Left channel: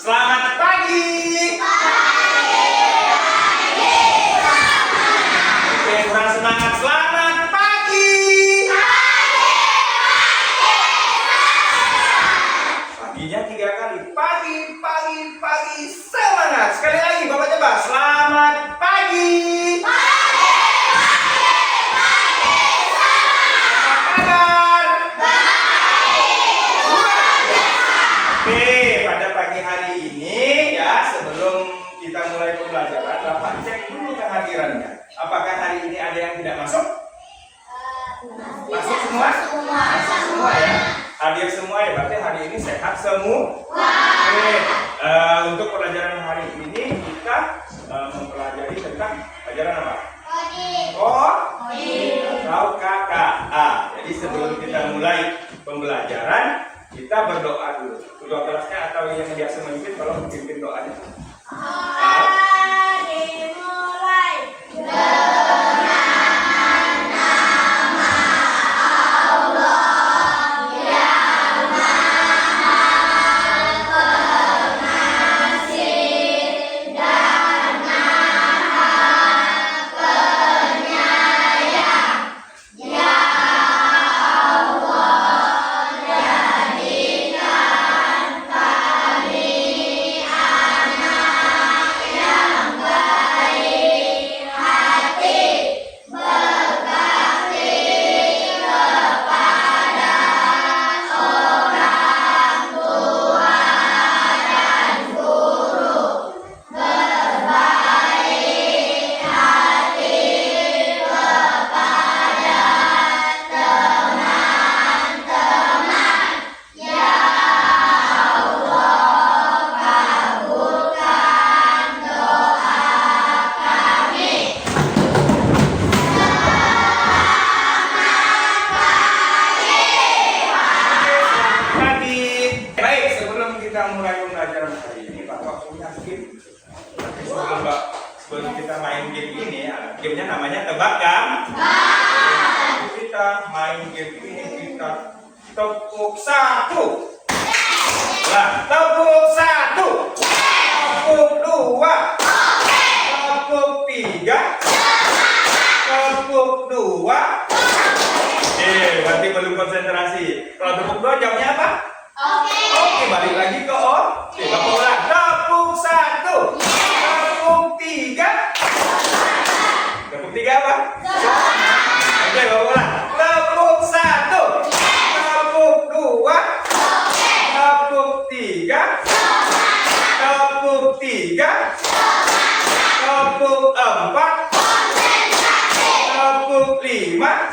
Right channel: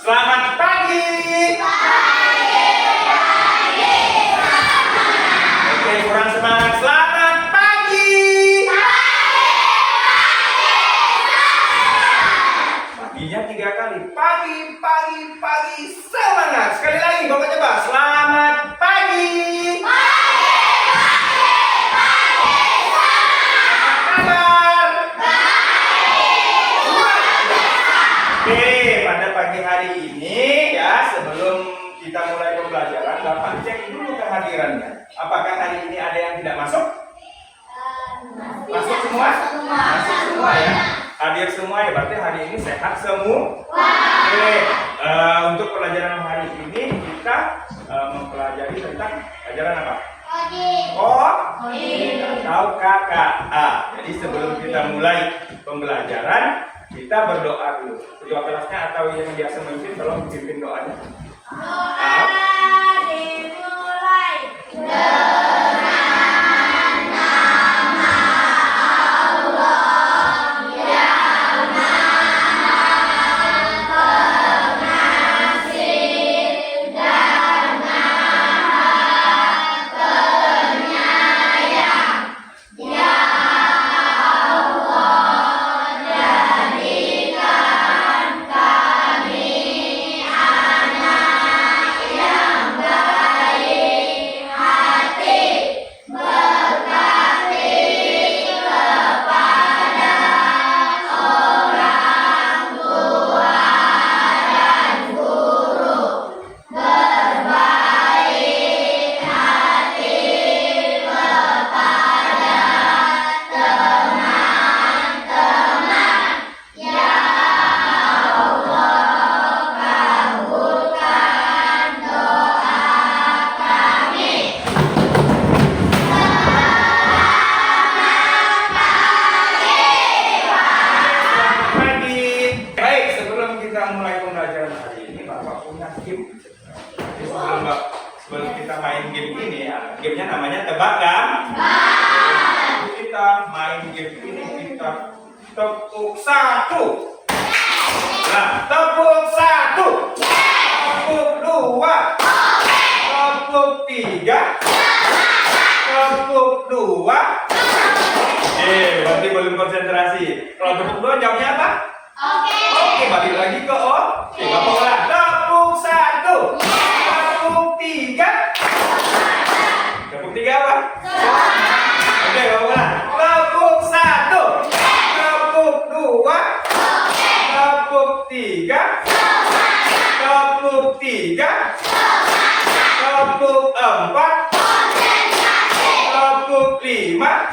Selamat pagi. Oke, kurang semangat. Selamat pagi. Paginya 3 kali. Pagi, pagi, pagi. Semangat. Sekali lagi Bapak coba. Selamat pagi. Oke, pada pagi hari ini ya, sebelum kita mulai pembelajaran, Bapak cek dulu kehadirannya. Apakah hari ini ada yang tidak masuk? Masuk semua? Masuk semua ya. Hadir semua ya, berarti hari ini sehat semua. Oke, untuk pelajaran hari ini kita mempelajari tentang pelajaran apa? Atau KKA. Jadi sebelum kita mulai pembelajaran, kita berdoa dulu. Ketua kelasnya atau yang biasa memimpin, tolong pimpin doanya. Dimulai. Sebelum kita main game ini, gamenya namanya tebak gambar. Kita main game ini, kita tepuk 1. Nah, tepuk 1. Tepuk 2. Tepuk 3. Tepuk 2. Berarti belum konsentrasi. Kalau tepuk 2 jawabnya apa? Oke, balik lagi ke O. Oke, Bapak ulang. Tepuk 1. Tepuk 3. Tepuk 3 apa? Oke, Bapak ulang. Tepuk 1. Tepuk 2. Tepuk 3. Tepuk 3. Tepuk 4. Tepuk 5.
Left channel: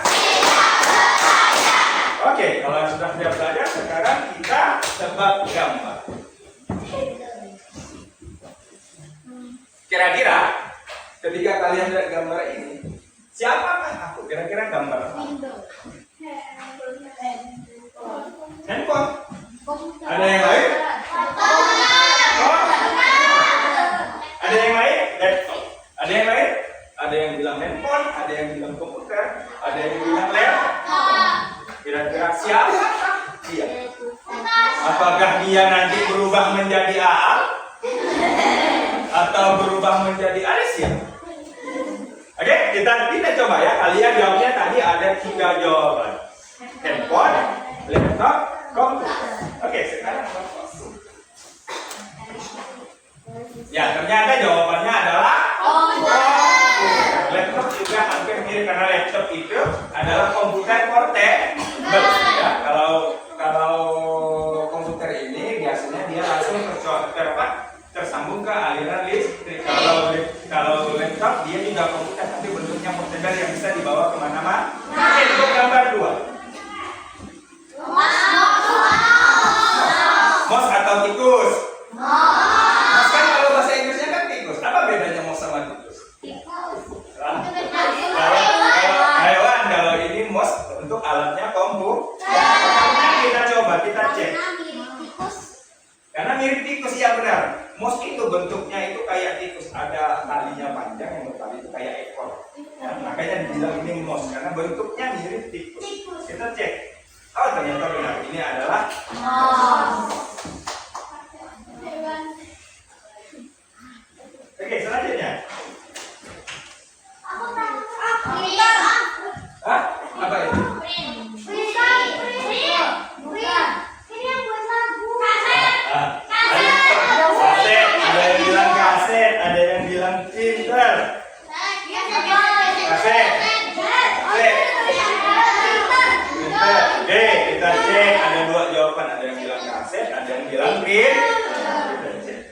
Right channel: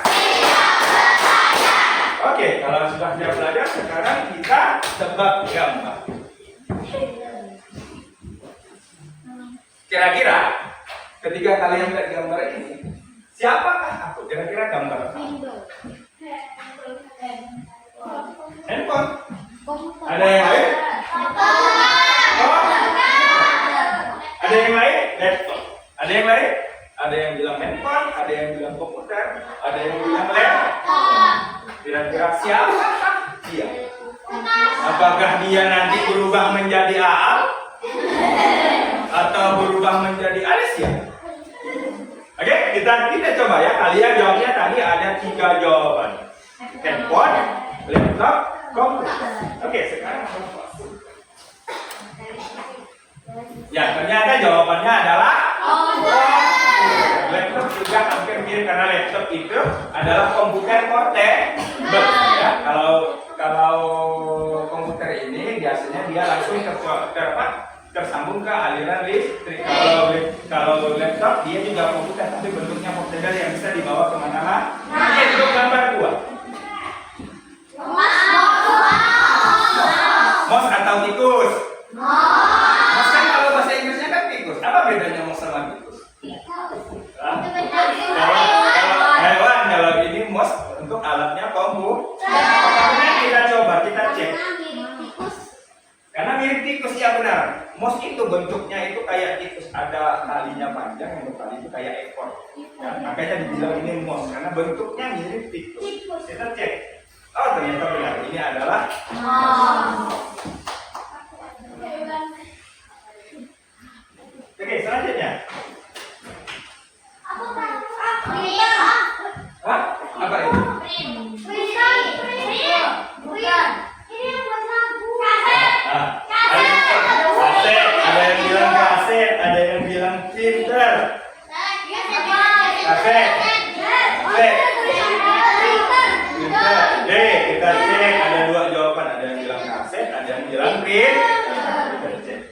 Oke, kalau sudah siap belajar, sekarang kita tebak gambar. Kira-kira ketika kalian lihat gambar ini, siapakah aku? Kira-kira gambar apa? Handphone. Ada yang lain? Oh. Ada yang lain? Laptop. Ada yang lain? Ada yang bilang handphone, ada yang bilang komputer, ada yang bilang laptop. Kira-kira siapa dia? Apakah dia nanti berubah menjadi Aal? Atau berubah menjadi Alicia? Oke, kita coba ya. Kalian jawabnya tadi ada 3 jawaban. Handphone, laptop, komputer. Oke, sekarang ya, ternyata jawabannya adalah laptop juga hampir mirip karena laptop itu adalah komputer portable ya. Kalau komputer ini biasanya dia langsung tersambung ke aliran listrik. Kalau laptop dia juga komputer tapi bentuknya portable yang bisa dibawa kemana-mana. Oke, untuk gambar 2. Mouse atau tikus? Mouse kan kalau bahasa Inggrisnya kan tikus. Apa bedanya mouse sama tikus? Kalau hewan, kalau ini mouse untuk alatnya komputer. Kita coba, kita cek. Karena mirip tikus, ya benar. Mouse itu bentuknya itu kayak tikus, ada talinya panjang, yang bertali itu kayak ekor. Ya, makanya dibilang ini mouse karena bentuknya mirip tikus. Kita cek. Oh, ternyata benar. Ini adalah mouse. bilang prinsip.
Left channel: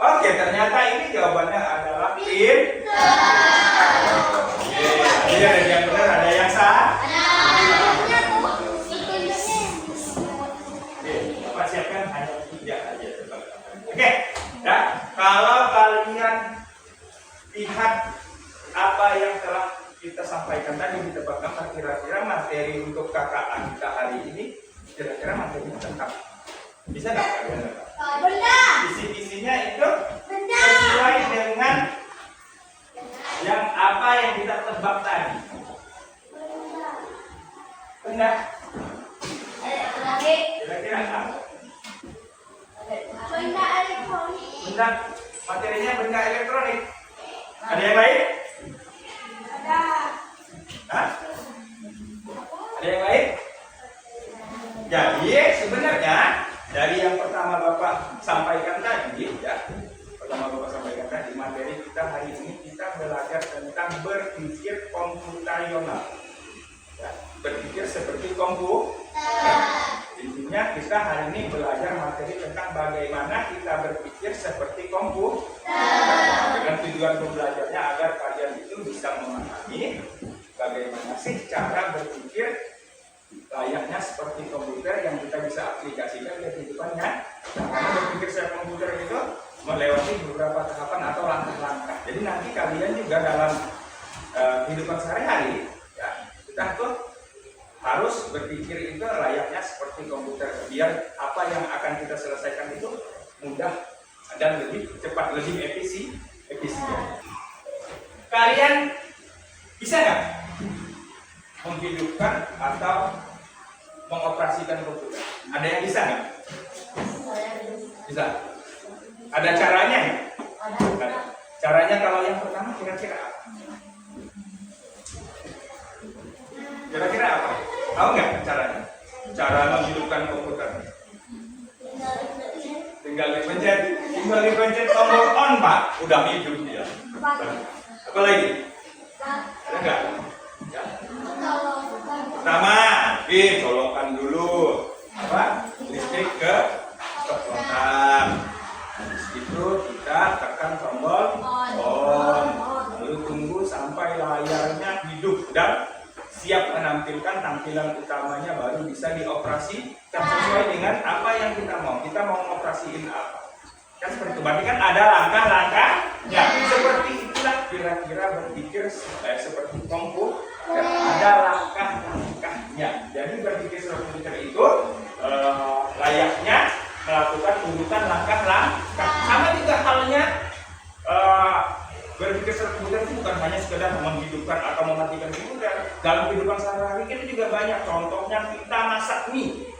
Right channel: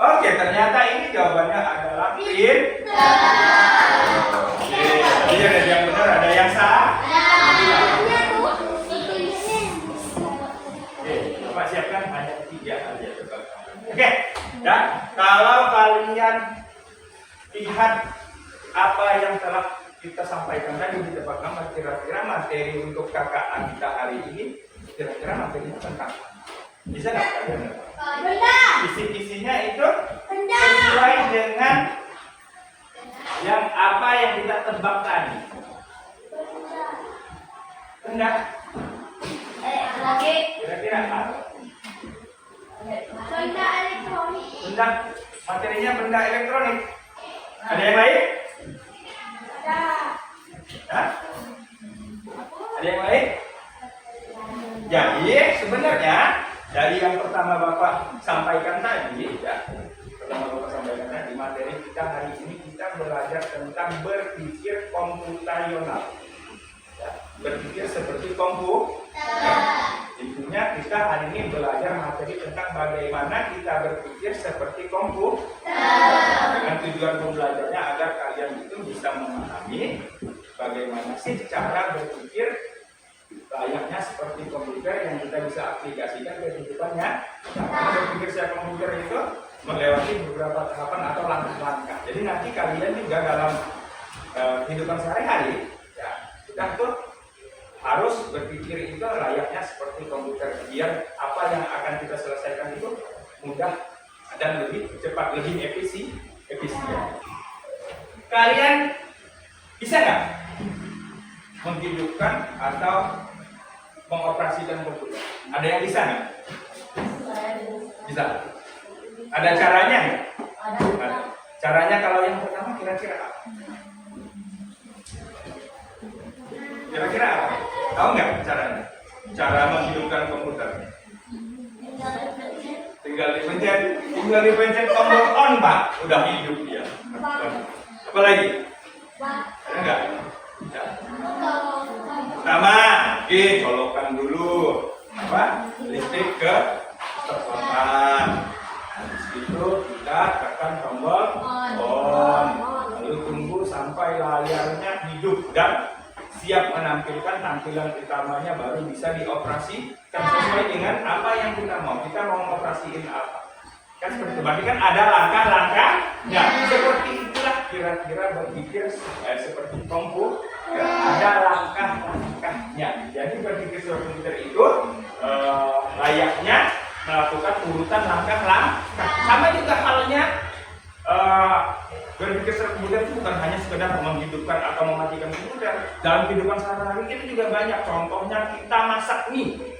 Oke, ternyata ini jawabannya adalah prinsip. Jadi ada yang benar, ada yang salah. Oke, Bapak siapkan hanya 3 aja. Oke, ya. Kalau kalian lihat apa yang telah kita sampaikan tadi di tebak gambar, kira-kira materi untuk KKA kita hari ini, kira-kira materinya tentang bisa nggak kalian? Isi-isinya itu sesuai dengan yang apa yang kita tebak tadi. Benda. Kira-kira apa? Benda elektronik. Benda. Materinya benda elektronik. Ada yang lain? Ada. Hah? Ada yang lain? Jadi sebenarnya dari yang pertama Bapak sampaikan tadi, ya, materi kita hari ini kita belajar tentang berpikir komputasional, ya, berpikir seperti komputer. Intinya kita hari ini belajar materi tentang bagaimana kita berpikir seperti komputer, dengan tujuan pembelajarnya agar kalian itu bisa memahami bagaimana sih cara berpikir layaknya seperti komputer yang kita bisa aplikasikan ke kehidupannya. Karena berpikir secara komputer itu melewati beberapa tahapan atau langkah-langkah. Jadi nanti kalian juga dalam kehidupan sehari-hari, ya, kita tuh harus berpikir itu layaknya seperti komputer, biar apa yang akan kita selesaikan itu mudah dan lebih cepat, lebih efisien. Kalian bisa nggak menghidupkan atau mengoperasikan komputer? Ada yang bisa nggak? Bisa. Ada caranya nggak? Ada. Caranya kalau yang pertama kira-kira apa? Kira-kira apa? Tahu nggak caranya? Cara menghidupkan komputer? Tinggal dipencet tombol on, Pak. Udah hidup dia. Apa lagi? Enggak. Ya. Pertama, colokan dulu apa? Listrik ke stop kontak. Habis itu kita tekan tombol on. Lalu tunggu sampai layarnya hidup dan siap menampilkan tampilan utamanya, baru bisa dioperasikan sesuai dengan apa yang kita mau. Kita mau ngoperasiin apa? Kan seperti itu. Berarti kan ada langkah-langkahnya. Seperti itulah kira-kira berpikir seperti komputer. Ada langkah-langkahnya. Jadi berpikir seperti komputer itu layaknya melakukan urutan langkah-langkah. Sama juga halnya berpikir secara komputer itu bukan hanya sekedar menghidupkan atau mematikan komputer. Dalam kehidupan sehari-hari kita juga banyak. Contohnya kita masak mie.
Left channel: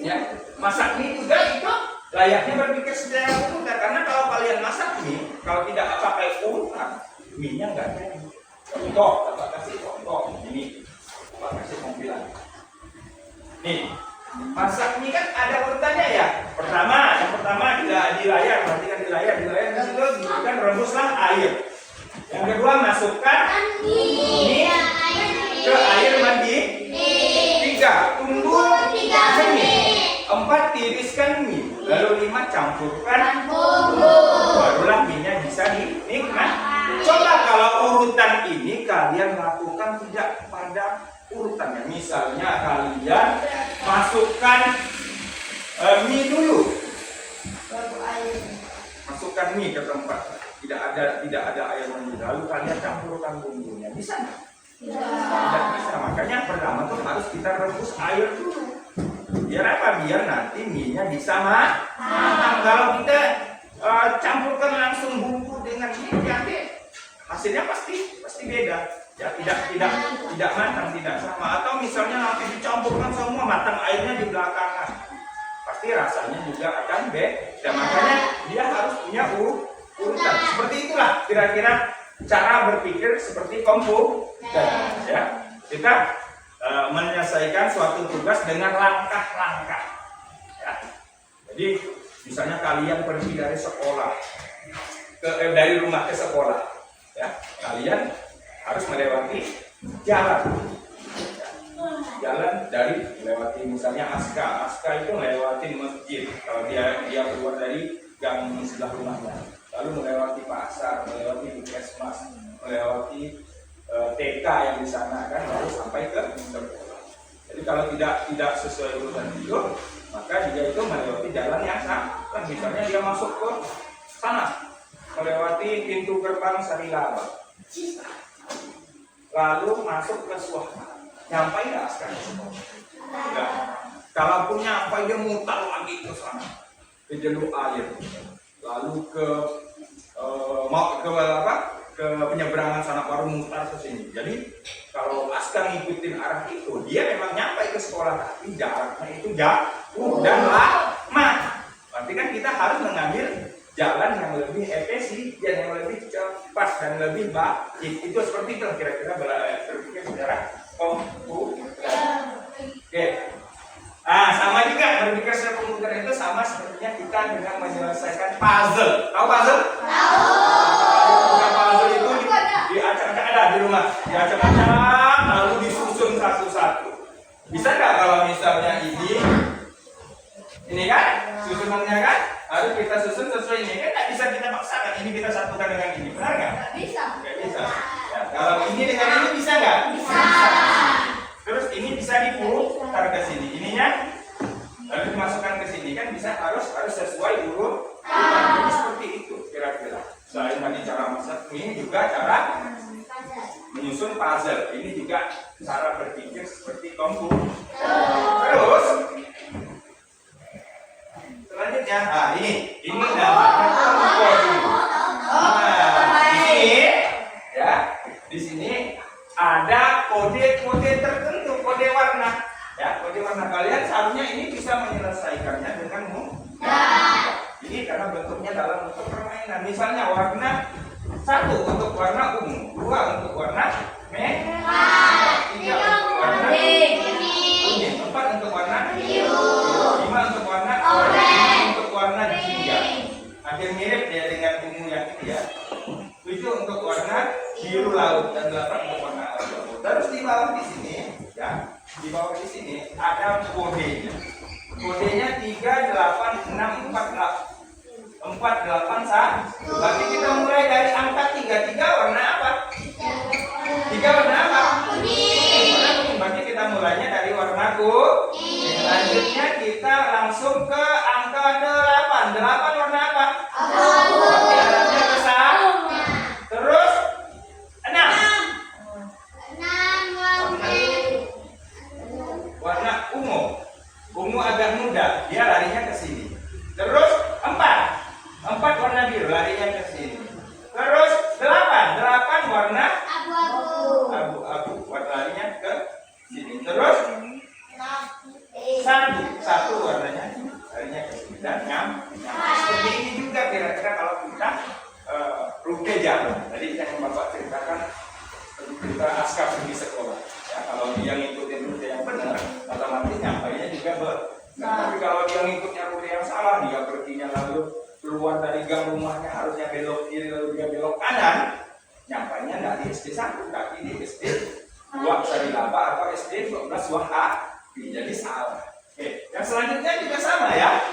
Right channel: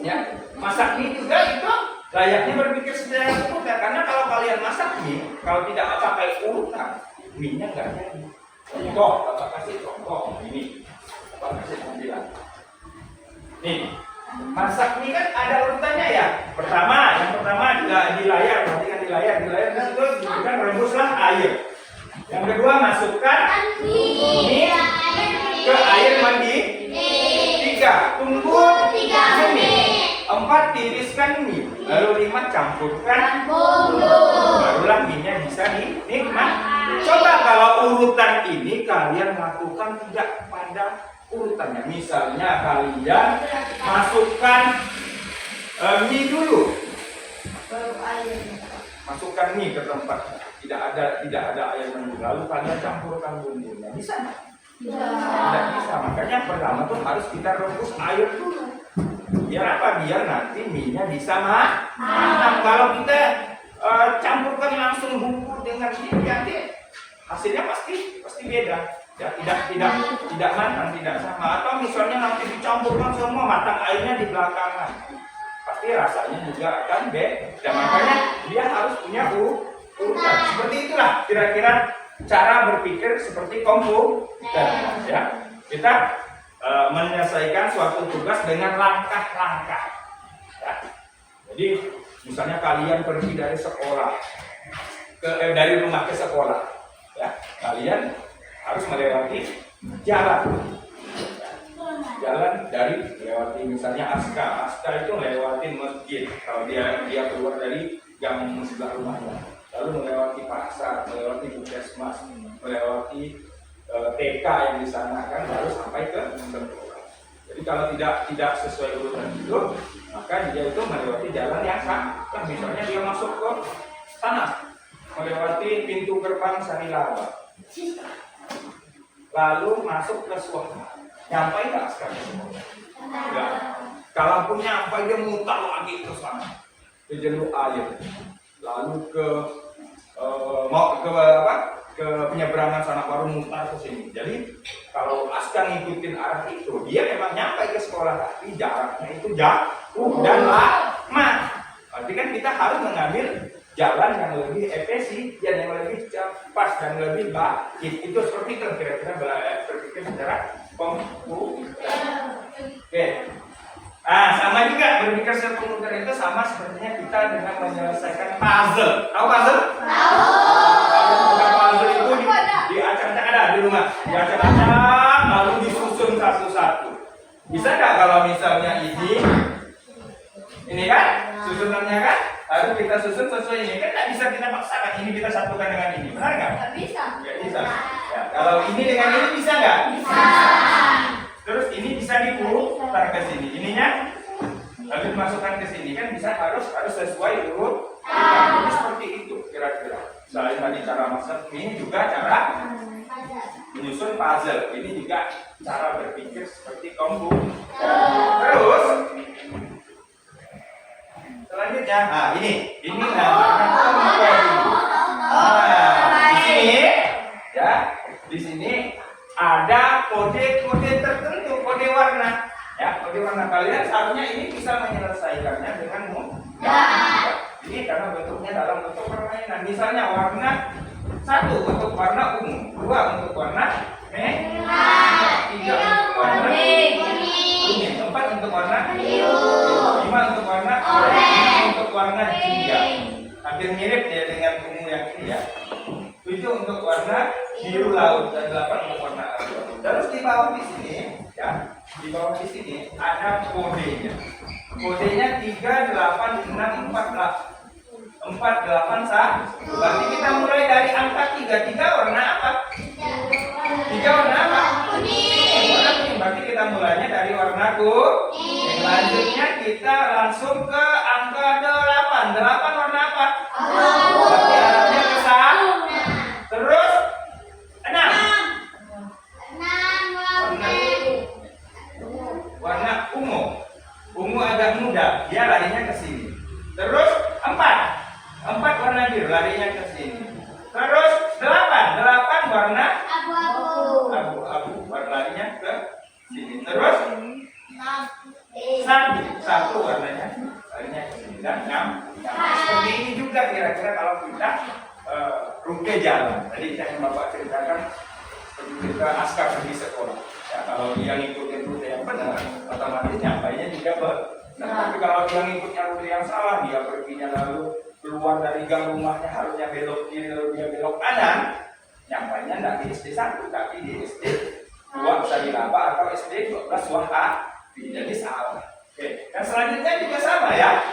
Ya, masak mie juga itu layaknya berpikir secara komputer. Karena kalau kalian masak mie, kalau tidak pakai urutan, mie-nya nggak jadi. Contoh, Bapak kasih contoh ini. Bapak kasih tampilan. Nih, masak mie kan ada urutannya ya. Yang pertama di layar, perhatikan di layar di situ disebutkan rebuslah air. Yang kedua masukkan mie ke air mandi. 3 tunggu 3 menit. 4 tiriskan mie. Lalu 5 campurkan bumbu. Barulah mie-nya bisa dinikmati. Coba kalau urutan ini kalian lakukan tidak pada urutannya. Misalnya kalian masukkan mie dulu, masukkan mie ke tempat tidak ada air mendidih, lalu kalian campurkan bumbunya, bisa nggak? Tidak bisa. Makanya pertama tuh harus kita rebus air dulu. Biar apa? Biar nanti mie-nya bisa matang. Kalau kita campurkan langsung bumbu dengan mie, nanti hasilnya pasti beda. Ya, tidak matang, tidak sama. Atau misalnya nanti dicampurkan semua, matang airnya di belakangan, pasti rasanya juga akan beda. Makanya dia harus punya urutan. Seperti itulah kira-kira cara berpikir seperti komputer. Ya, kita menyelesaikan suatu tugas dengan langkah-langkah. Ya. Jadi misalnya kalian pergi dari sekolah dari rumah ke sekolah, ya, kalian harus melewati jalan. jalan dari melewati misalnya Aska itu melewati masjid kalau dia keluar dari gang sebelah rumahnya, lalu melewati pasar, melewati puskesmas, melewati TK yang di sana kan, lalu sampai ke sekolah. Jadi kalau tidak sesuai urutan itu, maka dia itu melewati jalan yang salah. Kan misalnya dia masuk ke sana, melewati pintu gerbang Sarilawa, lalu masuk ke Suaka, nyampe nggak Aska ke sekolah? Enggak. Kalaupun nyampe dia mutar lagi ke sana, ke jalur air, lalu ke penyeberangan sana baru mutar ke sini. Jadi kalau Aska ngikutin arah itu, dia memang nyampe ke sekolah, tapi jaraknya itu jauh dan lama. Berarti kan kita harus mengambil jalan yang lebih efisien, yang lebih cepat dan lebih baik. Itu seperti itu kira-kira berpikir secara komputer. Oke. Sama juga berpikir secara komputer itu sama sepertinya kita dengan menyelesaikan puzzle. Tahu puzzle? Tahu. Puzzle itu diacak-acak ada di rumah, diacak-acak lalu disusun satu-satu. Bisa nggak kalau misalnya ini kan susunannya kan harus kita susun sesuai ini, kan nggak bisa kita paksakan ini kita satukan dengan ini, benar nggak? Nggak bisa. Nggak bisa. Ya, kalau ini dengan ini bisa nggak? Bisa. Terus ini bisa diputar ke sini, ininya lalu dimasukkan ke sini kan bisa harus sesuai urutan. Jadi seperti itu kira-kira. Selain tadi cara masak, ini juga cara menyusun puzzle. Ini juga cara berpikir seperti komputer. Terus selanjutnya, ini namanya coding. Di sini, ya, di sini ada kode-kode tertentu, kode warna. Ya, kode warna kalian seharusnya ini bisa menyelesaikannya dengan mudah. Ini karena bentuknya dalam bentuk permainan. Misalnya warna 1 untuk warna ungu, 2 untuk warna merah, 3 untuk warna kuning, 4 untuk warna biru, 5 untuk warna oranye, 6 untuk warna jingga. Hampir mirip ya dengan ungu yang ini ya. 7 untuk warna biru laut dan 8 untuk warna abu-abu. Terus di bawah di sini ya, di bawah di sini ada kodenya. Kodenya 38648. 481. Berarti kita mulai dari angka 33 warna apa? 3 warna apa? Kuning. Warna kuning. Berarti kita mulainya dari warna kuning. Selanjutnya kita langsung ke angka 8. 8 warna apa? Abu-abu. Berarti arahnya ke sana. Terus 6. 6 warna ungu. Ungu agak muda, dia larinya ke sini. Terus 4 warna biru larinya ke sini. Terus 8 warna abu-abu larinya ke sini. Terus 1 warnanya larinya ke sini dan seperti ini juga kira-kira kalau kita rute jalan. Tadi yang Bapak ceritakan kita Aska pergi sekolah. Ya, kalau dia ngikutin rute yang benar, otomatis nyampainya juga benar. Tapi kalau dia ngikutnya rute yang salah, dia perginya lalu keluar dari gang rumahnya harusnya belok kiri lalu dia belok kanan, nyampainya nggak di SD 1 tapi di SD 2 Sarilaba atau SD 12 Wahabi, jadi salah. Oke, yang selanjutnya juga sama ya.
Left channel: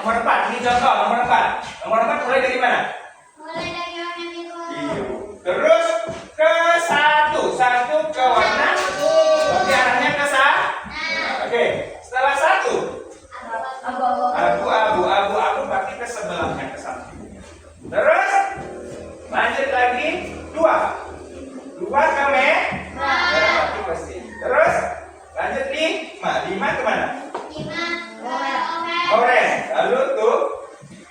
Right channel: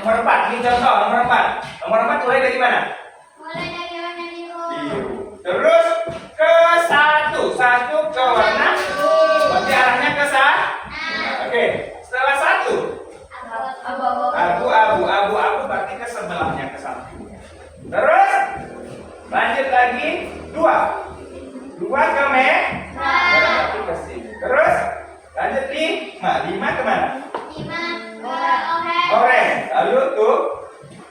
Nomor 4, ini contoh nomor 4. Nomor 4 mulai dari mana? Mulai dari warna biru. Biru. Terus ke 1 ke warna berarti arahnya ke sana. Oke, setelah 1 abu-abu berarti ke sebelahnya, ke sampingnya. Terus lanjut lagi 2 ke merah berarti ke sini. Terus lanjut 5 kemana? 5 ke Orange. Lalu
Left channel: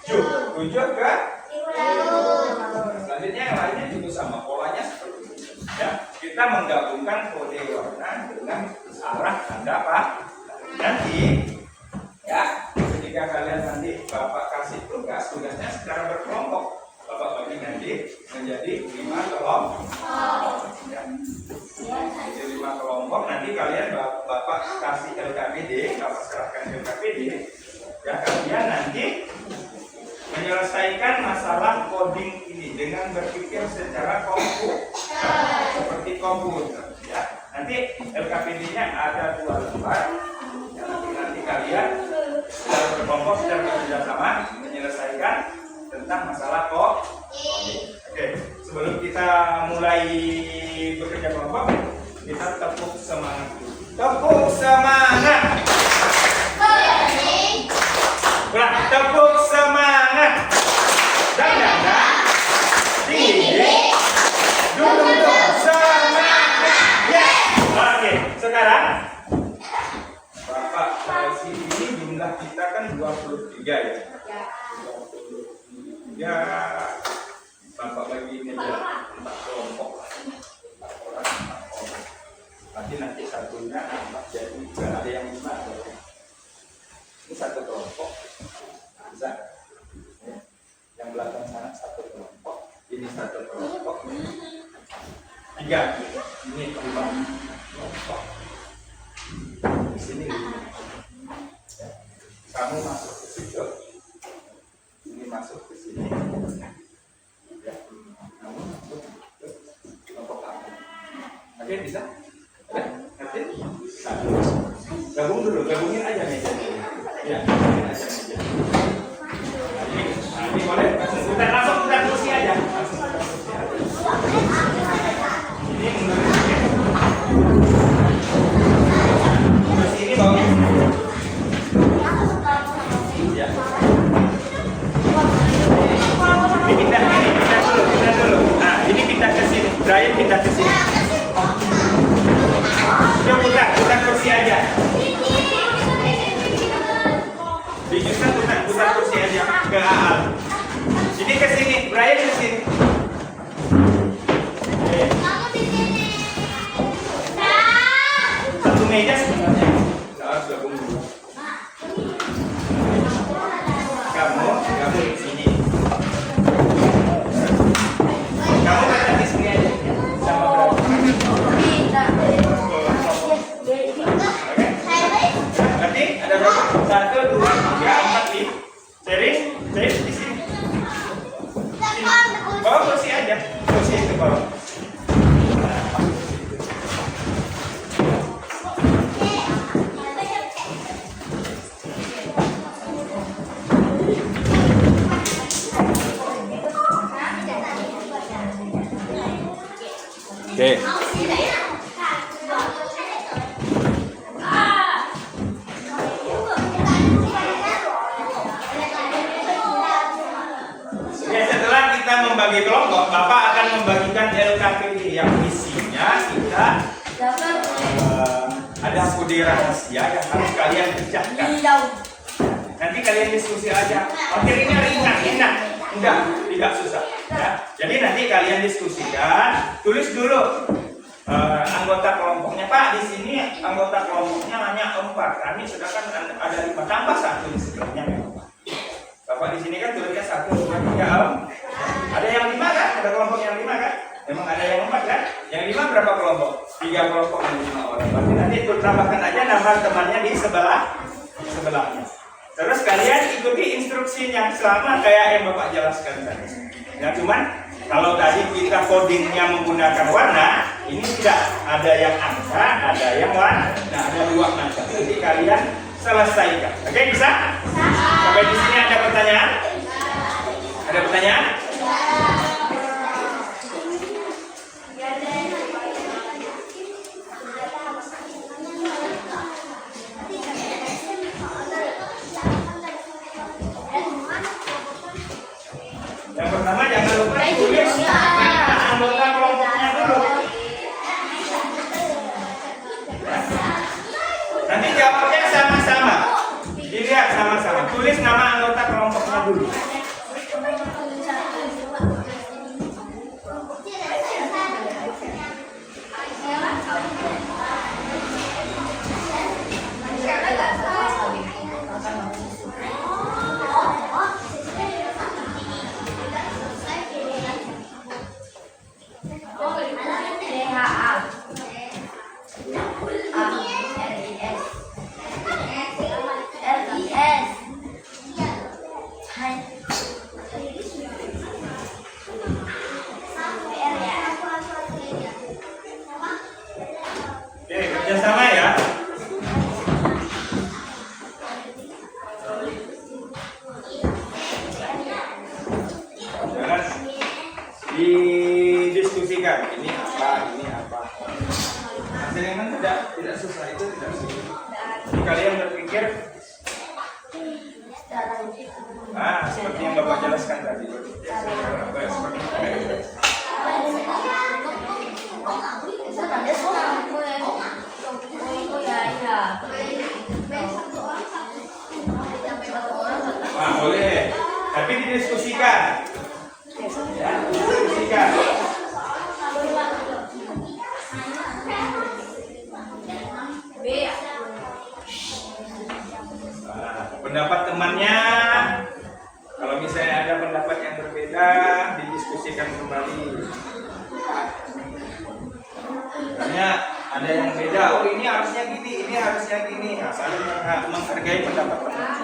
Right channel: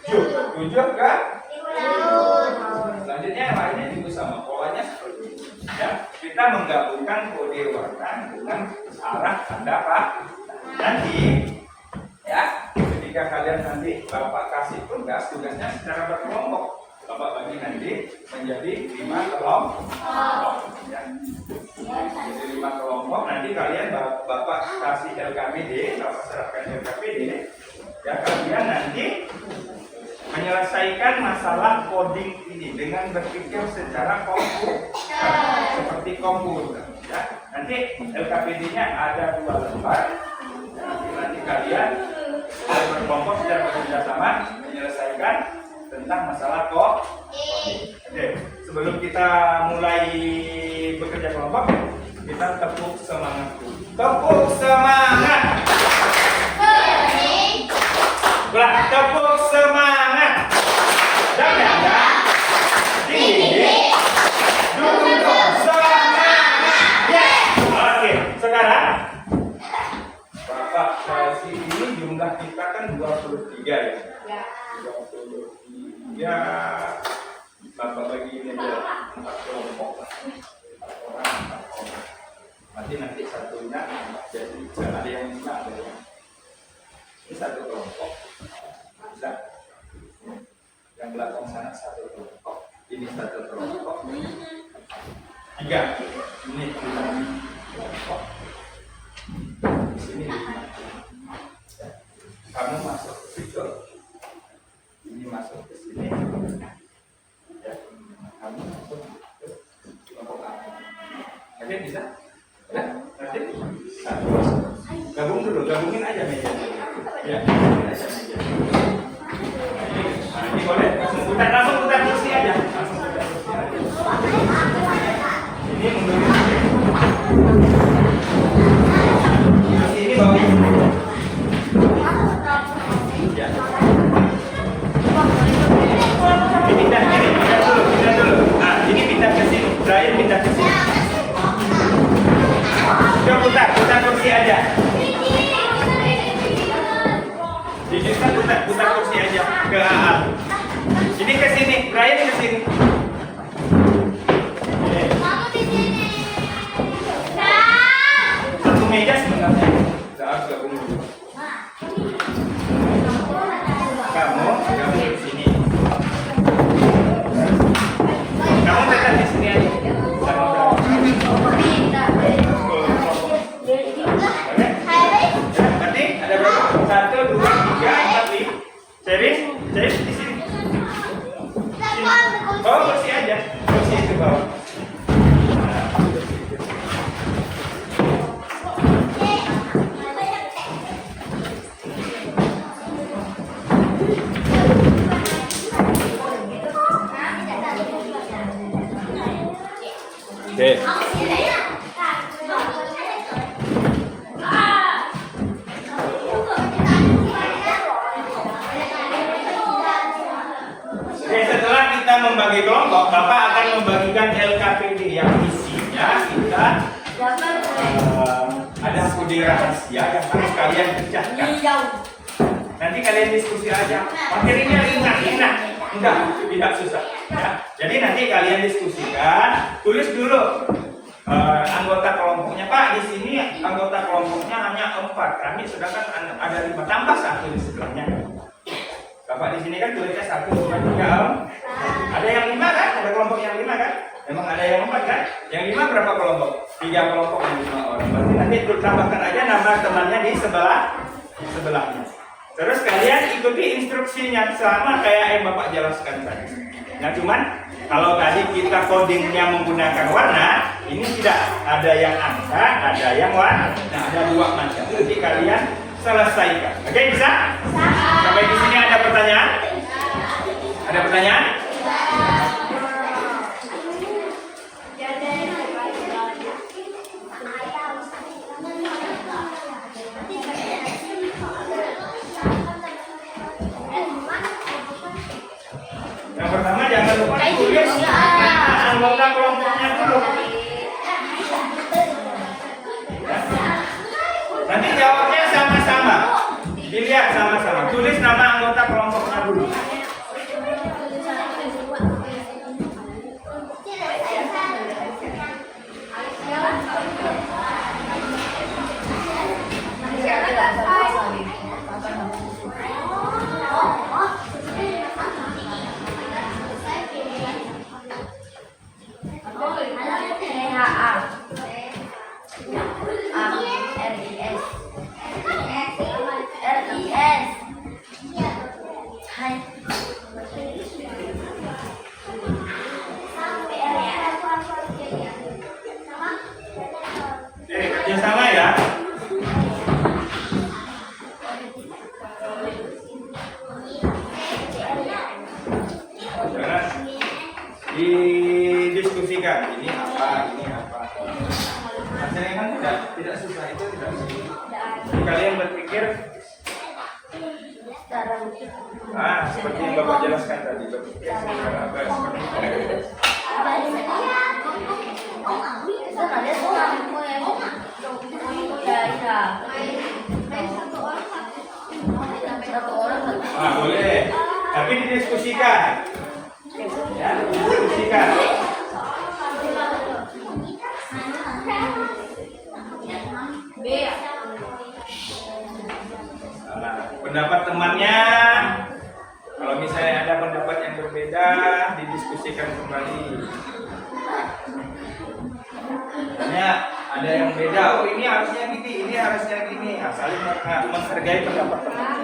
7 ke laut. selanjutnya yang lainnya juga sama, polanya seperti ini. Ya, kita menggabungkan kode warna dengan arah tanda apa? Nanti ya, ketika kalian nanti Bapak kasih tugasnya secara berkelompok, Bapak bagi nanti menjadi 5 kelompok. Ya. Jadi 5 kelompok, nanti kalian Bapak kasih LKPD, Bapak serahkan LKPD. Ya, kalian nanti menyelesaikan masalah coding ini dengan berpikir secara komputer, seperti komputer. Ya. Nanti LKPD-nya ada 2 lembar. Nanti kalian secara berkelompok secara bekerja sama menyelesaikan tentang masalah kok. Oke, sebelum kita mulai bekerja kelompok, kita tepuk semangat dulu. Tepuk semangat. Ulang, tepuk semangat. Dan tinggi. Duduk semangat. Ya. Oke, sekarang Bapak Chelsea ini jumlah kita kan 23 ya. 23. Bapak bagi ini aja 4 kelompok. 4 orang 4 kelompok. Nanti satunya jadi ada yang 5 ada yang. Ini 1 kelompok. Bisa. Yang belakang sana 1 kelompok. Ini 1 kelompok. 3. Ini 4 kelompok. Di sini 5. Kamu masuk ke situ. Ini masuk ke sini. Ya. Kamu masuk ke kelompok kamu. Oke, bisa? Ya, nanti gabungin aja mejanya. Ya, gabungin aja mejanya. Nah, ini boleh langsung putar kursi aja. Ini mundurin aja. Kursi ini bawa. Ya. Pindah dulu. Nah, ini pindah ke sini. Brian pindah ke sini. Udah putar kursi aja. Bisa putar kursi aja ke AA. Ini ke sini, Brian ke sini. Satu meja sebenarnya. Kita harus gabung dulu. Kamu di sini. Kamu tetap di sini aja. Berarti ada berapa? 1, 2, 3, 4, 5. Ceris di sini. Bawa kursi aja, kursi itu bawa. Oke. Setelah kita membagi kelompok, Bapak akan membagikan LKPD yang isinya kita ada kode rahasia yang harus kalian kerjakan. Nanti kalian diskusi aja. Materinya ringan, mudah, tidak susah. Ya. Jadi nanti kalian diskusikan, tulis dulu anggota kelompoknya. Pak, di sini anggota kelompoknya hanya 4, kami sedangkan ada 5, tambah 1 di sebelahnya. Bapak di sini kan tulisnya 1, 2, 3, Ada yang 5 kan? Ada kelompok yang 5 kan? Memang ada yang 4 kan? Yang 5 berapa kelompok? 3 kelompok dan 5 orang. Berarti nanti tambahkan aja nama temannya di sebelahnya. Terus kalian ikuti instruksinya sama kayak yang Bapak jelaskan tadi. Nah, cuman kalau tadi kita codingnya menggunakan warna, ini tidak ada yang angka, ada yang warna. Nah, ada 2 macam. Nanti kalian selesaikan. Oke, bisa? Sampai di sini ada pertanyaan? Ada pertanyaan? Yang pertama jangan lupa tulis anggota kelompoknya dulu. Nanti jawabnya sama-sama. Dilihat sama-sama. Tulis nama anggota kelompoknya dulu. Ah, seperti yang Bapak jelaskan tadi. Ah, boleh. Tapi didiskusikan. Ya, didiskusikan. Pendapat temannya, kalau misalnya ada pendapat yang berbeda, didiskusikan kembali. Misalnya ada yang beda, oh ini harusnya gini, ini harusnya gini. Nah, saling menghargai pendapat teman.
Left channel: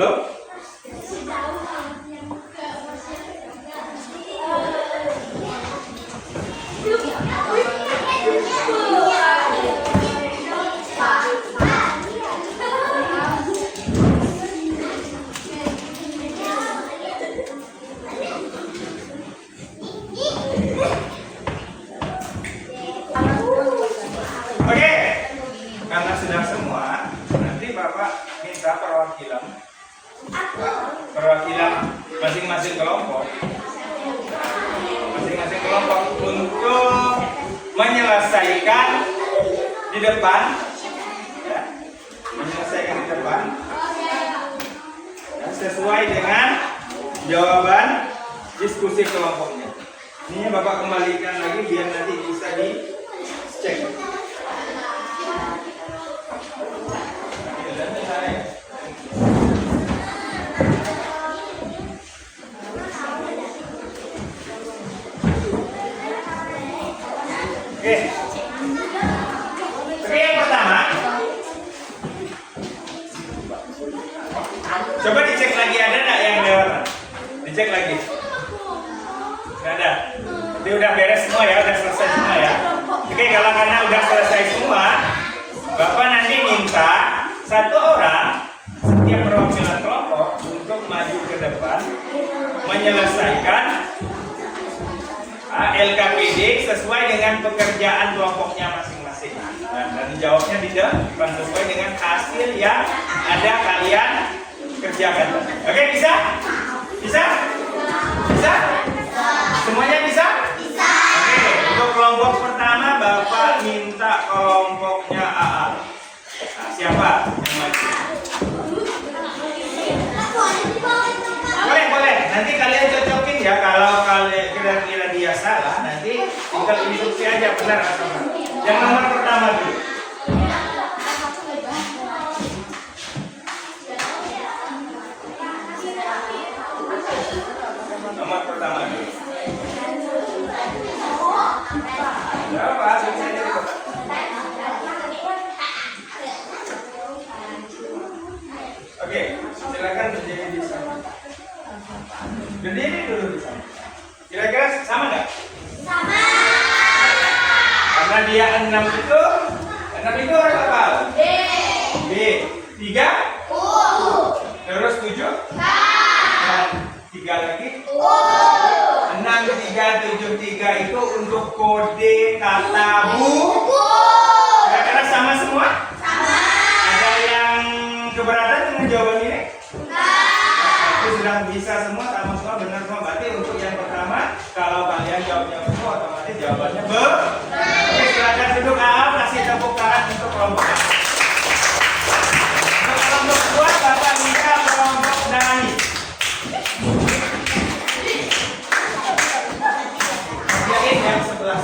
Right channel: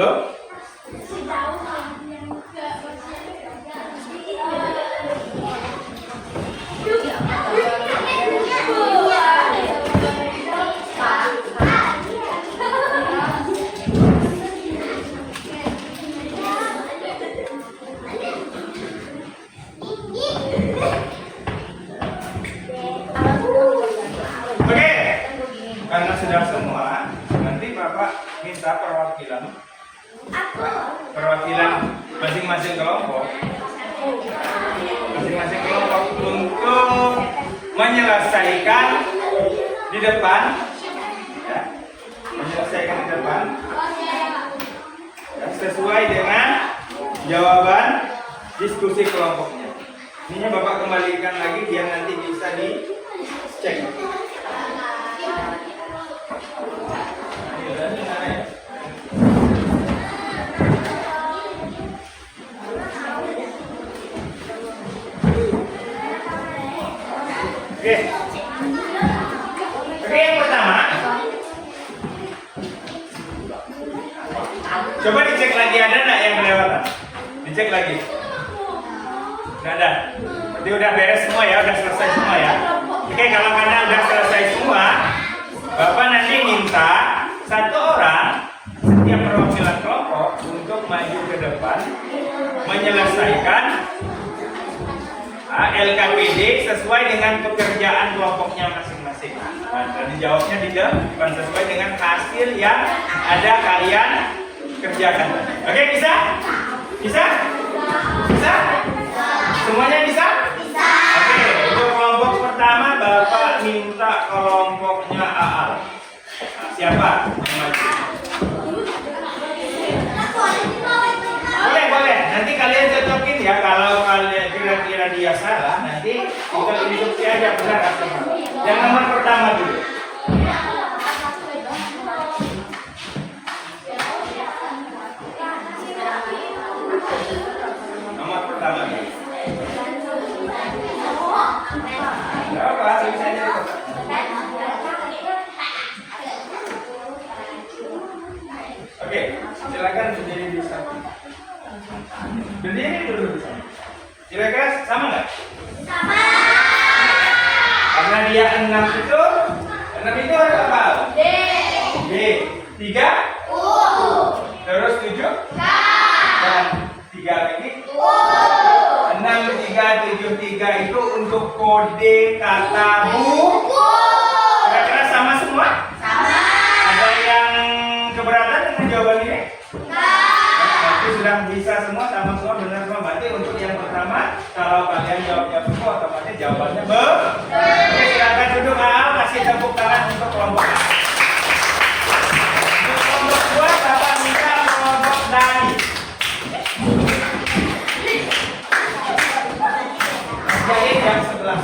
Belum? Oke, karena sudah semua, nanti Bapak minta perwakilan masing-masing kelompok untuk menyelesaikan di depan, ya, ya, sesuai dengan jawaban diskusi kelompoknya. Ini Bapak kembalikan lagi biar nanti bisa dicek. Oke, yang pertama, coba dicek lagi ada nggak yang kelewatan? Dicek lagi. Nggak ada. Berarti udah beres semua ya, udah selesai semua ya. Oke, kalau karena udah selesai semua, Bapak nanti minta satu orang setiap perwakilan kelompok untuk maju ke depan menyelesaikan LKPD sesuai dengan pekerjaan kelompoknya masing-masing. Nah, dan dijawabnya di depan sesuai dengan hasil yang ada kalian kerjakan. Oke, bisa? Bisa? Bisa? Semuanya bisa? Bisa. Oke, untuk kelompok pertama Bapak minta kelompoknya AA. Nah, siapa yang maju? Boleh. Nanti kalian cocokin ya. Kalau kalian kira-kira dia salah, nanti tinggal instruksi aja benar atau enggak. Yang nomor pertama dulu. Nomor pertama dulu. Berapa? Bisa aja dulu. Oke, silakan berdiri di sana. Berdiri dulu di sana. Kira-kira sama nggak? Sama. Karena dia 6 itu ada apa? D. 3? U. Terus 7? K. Dan 3 lagi? U. 6, 3, 7, 3 itu untuk kode kata buku. Kira-kira sama semua? Sama. Ada yang keberatan dengan jawaban ini? Sudah bisa semua, sama semua, benar semua. Berarti untuk yang pertama, kalau kalian jawab semua, otomatis jawabannya benar. Oke, silakan duduk. Kasih tepuk tangan untuk kelompok A. Untuk kelompok 2, Bapak minta kelompok Dani. Jadi yang sebelah.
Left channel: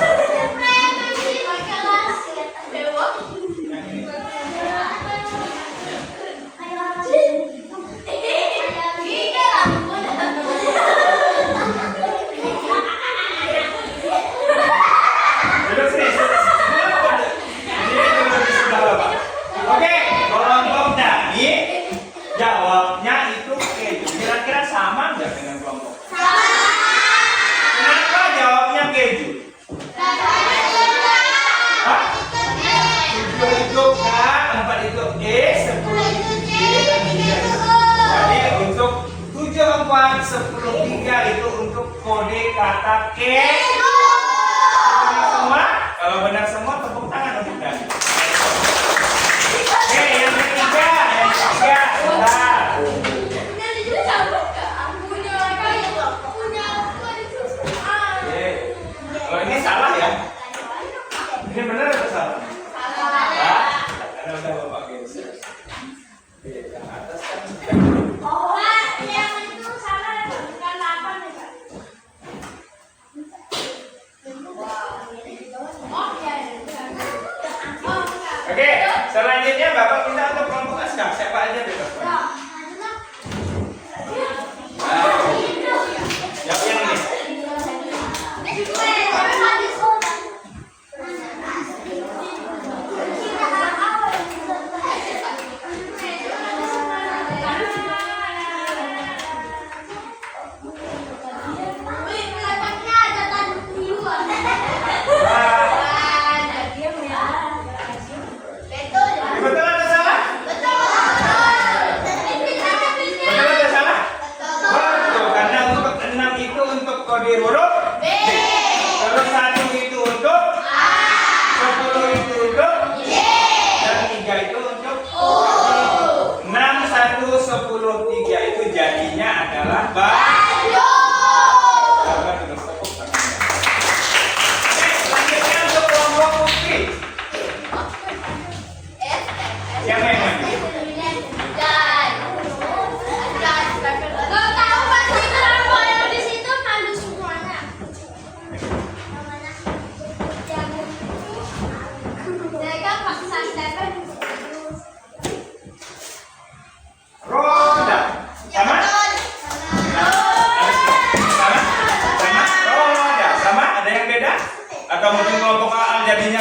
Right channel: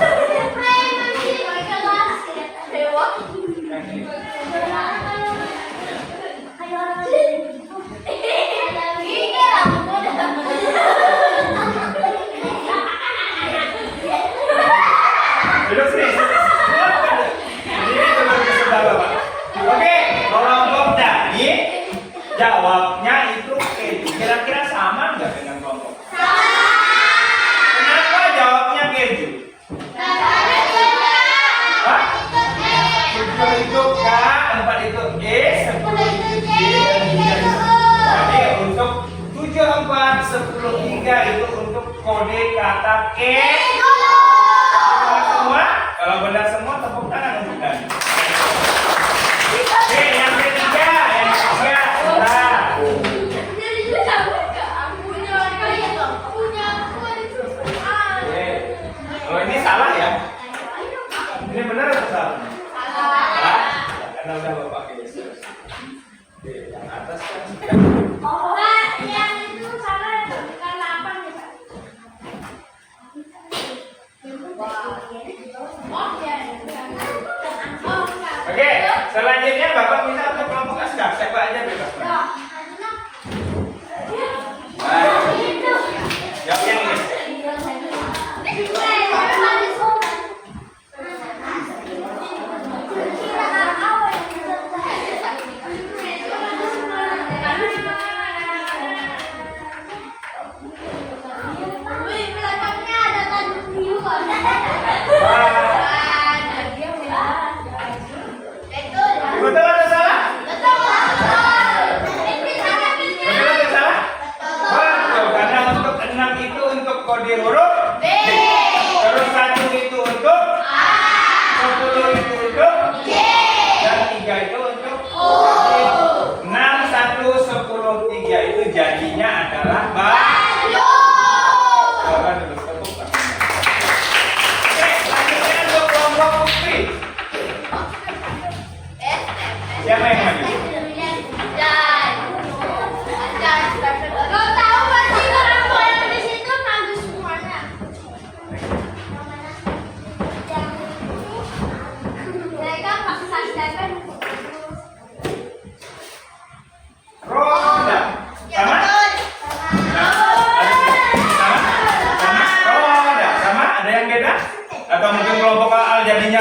Duduk sini. Ini dulu di sebelah Bapak. Oke, kelompok Dani jawabnya itu keju. Kira-kira sama nggak dengan kelompok? Sama. Kenapa jawabnya keju? Hah? 7 itu K, 4 itu E, 10 itu J, dan 3 itu. Jadi untuk 7, 4, 10, 3 itu untuk kode kata keju. Semua? Kalau benar semua, tepuk tangan untuk Dani. Oke, yang ketiga. Nah. Kalau ini salah ya? Ini benar atau salah? Salah. Karena udah Bapak geser. Oke, yang atas kan? Yang itu salah, bukan 8 ya, Pak? Oke, selanjutnya Bapak minta untuk kelompok A siap, siapa aja bebas. Jawab yang ini.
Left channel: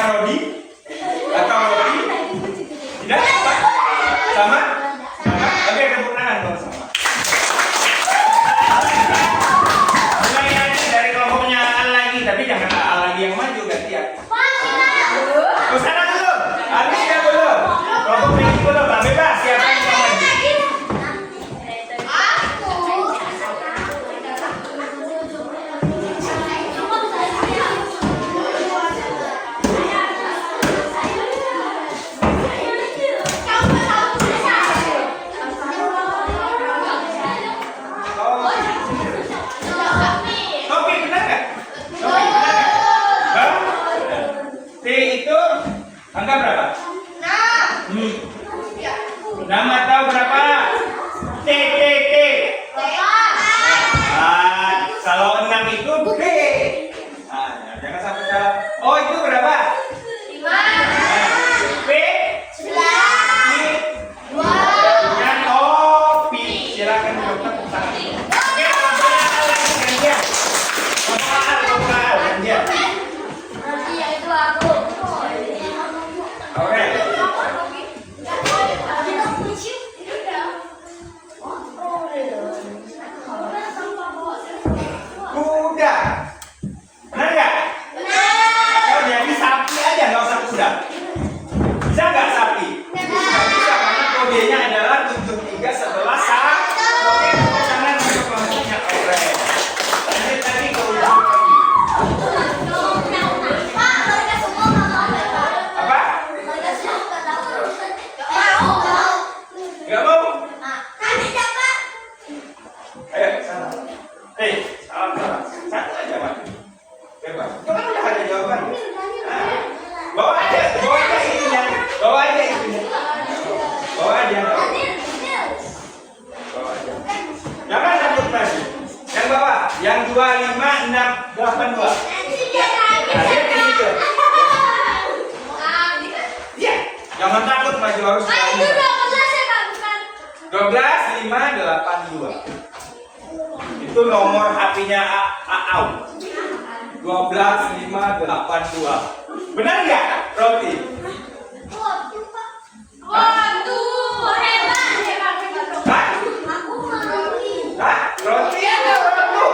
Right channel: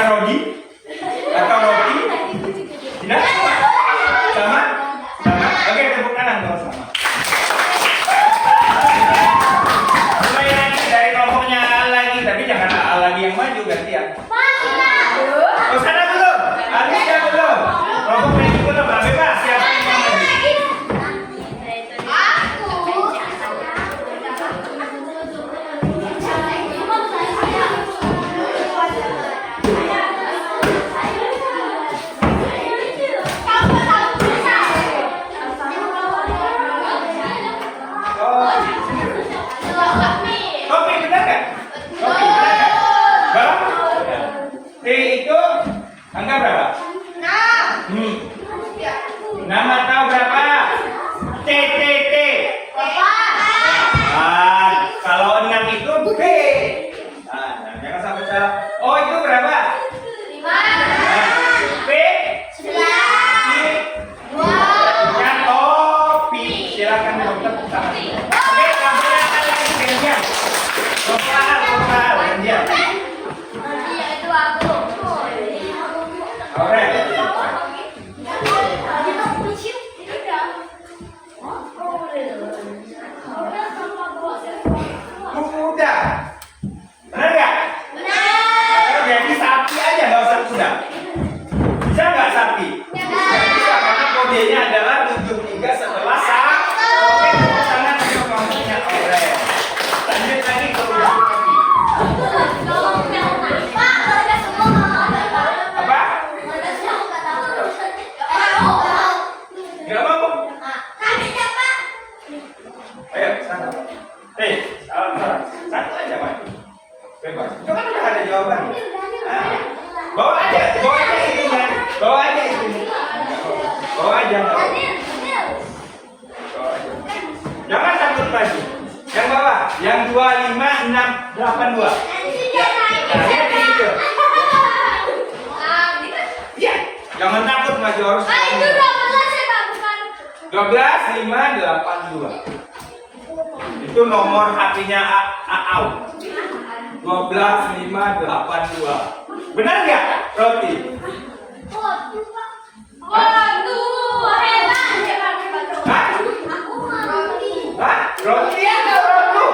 rodi atau roti? Tidak? Sama? Sama? Oke, tepuk tangan dong sama. Mulai lagi dari kelompoknya A lagi, tapi jangan A lagi yang maju berarti ya. Oh, sana dulu. Alicia dulu. Kelompok Megi dulu, Mbak bebas. Siapa yang mau maju? Kopi benar nggak? Kopi benar nggak? Bang? T itu angka berapa? Nama tahu berapa? T. Kalau 6 itu B. Nah, jangan sampai salah. Oh, itu berapa? 5. P. 9. Kopi. Silakan tepuk tangan. Oke, kelompoknya A lagi gantian. Kelompok A gantian. Oke. Kuda. Benar nggak? Atau jadi sapi aja, nggak usah kuda. Bisa nggak sapi? Nggak bisa karena kodenya adalah 73 setelah sa. Oke, tepuk tangan untuk kelompoknya Aurel. Lanjut lagi ke udah. Apa? Nggak mau? Ayo sana. Salah. Satu aja, Pak. Bebas. Itu kan udah ada jawabannya. Bawa aja itunya. Bawa aja. Bawa aja. Jangan takut lagi. Yang bawah, yang 25, 6, 82. Nah, lihat di situ. Iya, jangan takut maju harus. 12, 5, 82. Itu nomor HP-nya Aau. 12, 5, 82. Benar nggak, Roti? Hah? Roti atau Rotu?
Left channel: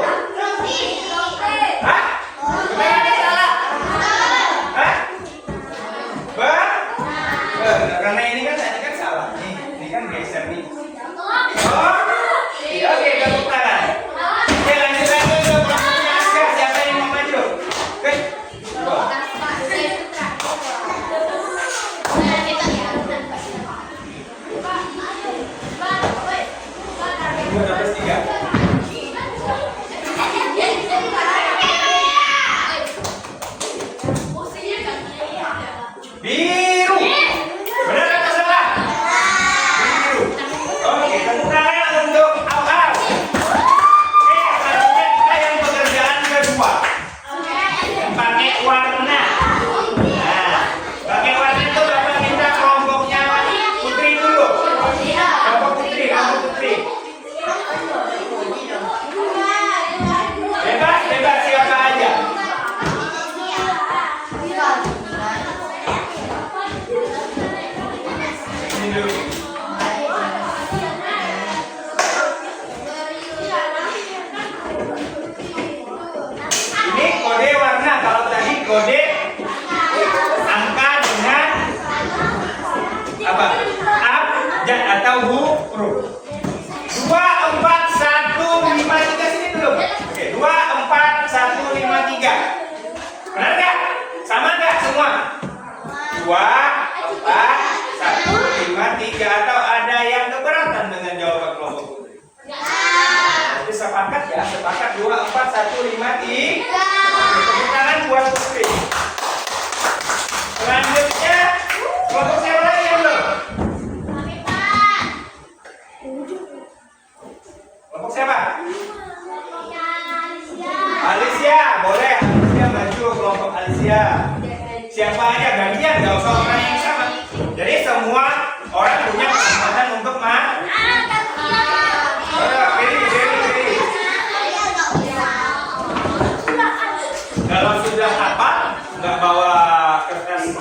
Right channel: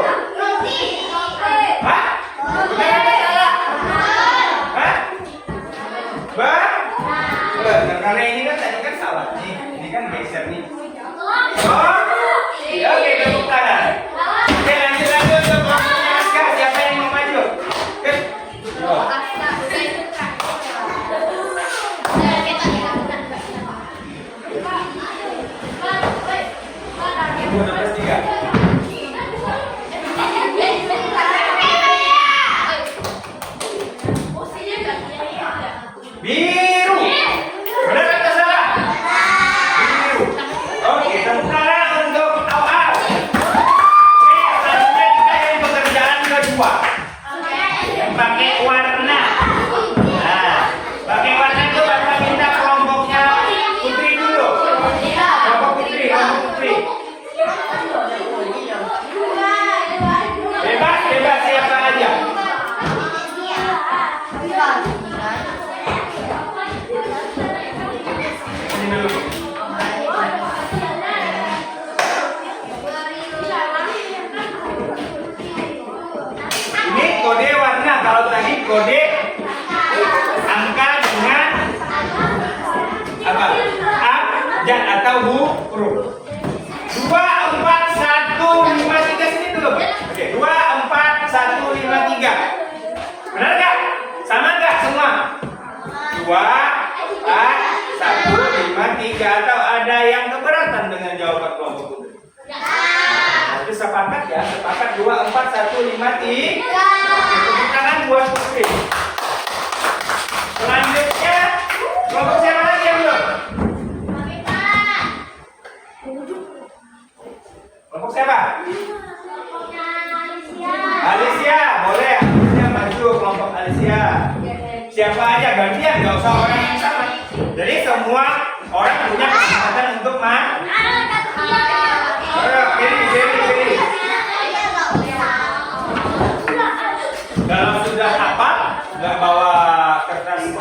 Hah? Benar atau salah? Hah? Bang? Karena ini kan salah nih. Ini kan geser nih. Oh? Iya, oke, tepuk tangan. Oke, lanjut untuk kelompoknya Aska. Siapa yang mau maju? Oke. Biru. Benar atau salah? Biru. Oke, tepuk tangan untuk Au-Au. Oke, selanjutnya kita yang pekerjaan kedua. Pakai warna. Nah, pakai warna itu Bapak minta kelompoknya Putri dulu. Kelompok Putri. Bebas siapa aja. Ini dulu. Ini kode warna. Kalau tadi kode angka dengan apa? Abjad atau huruf. 2, 4, 1, 5, 3 sini dulu. Oke, 2, 4, 1, 5, 3. Benar nggak? Sama nggak semua? 2, 4, 1, 5, 3. Atau ada yang keberatan dengan jawaban kelompok Putri? Jadi sepakat ya, sepakat 2, 4, 1, 5, 3. Tepuk tangan buat Putri. Selanjutnya kelompok siapa lagi yang belum? Kelompok siapa? Alicia, boleh. Alicia maju kelompok Alicia. Siapa aja gantian, nggak usah orang yang sama. Jadi semua orang punya kesempatan untuk pilih. Kalau sudah hafal, nggak bawa kertas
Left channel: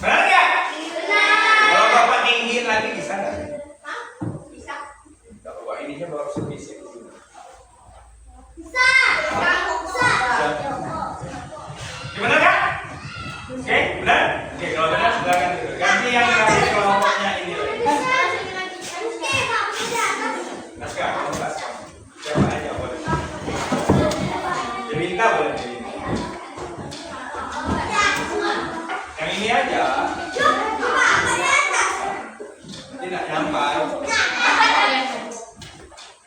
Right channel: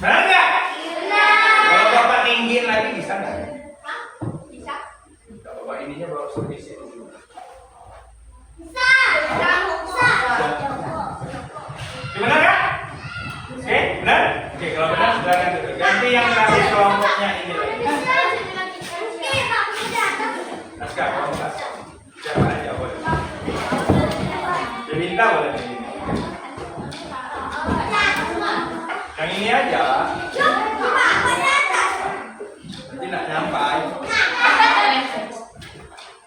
Benar nggak? Kalau bapak tinggiin lagi bisa nggak? Kalau bapak ininya bawa sebisi dulu. Gimana kak? Oke, benar? Oke, kalau benar silakan dulu. Ganti yang terakhir kelompoknya ini lagi. Naskah, kamu naskah. Siapa aja boleh. Diminta boleh diminta. Yang ini aja. Nanti nak nyampai.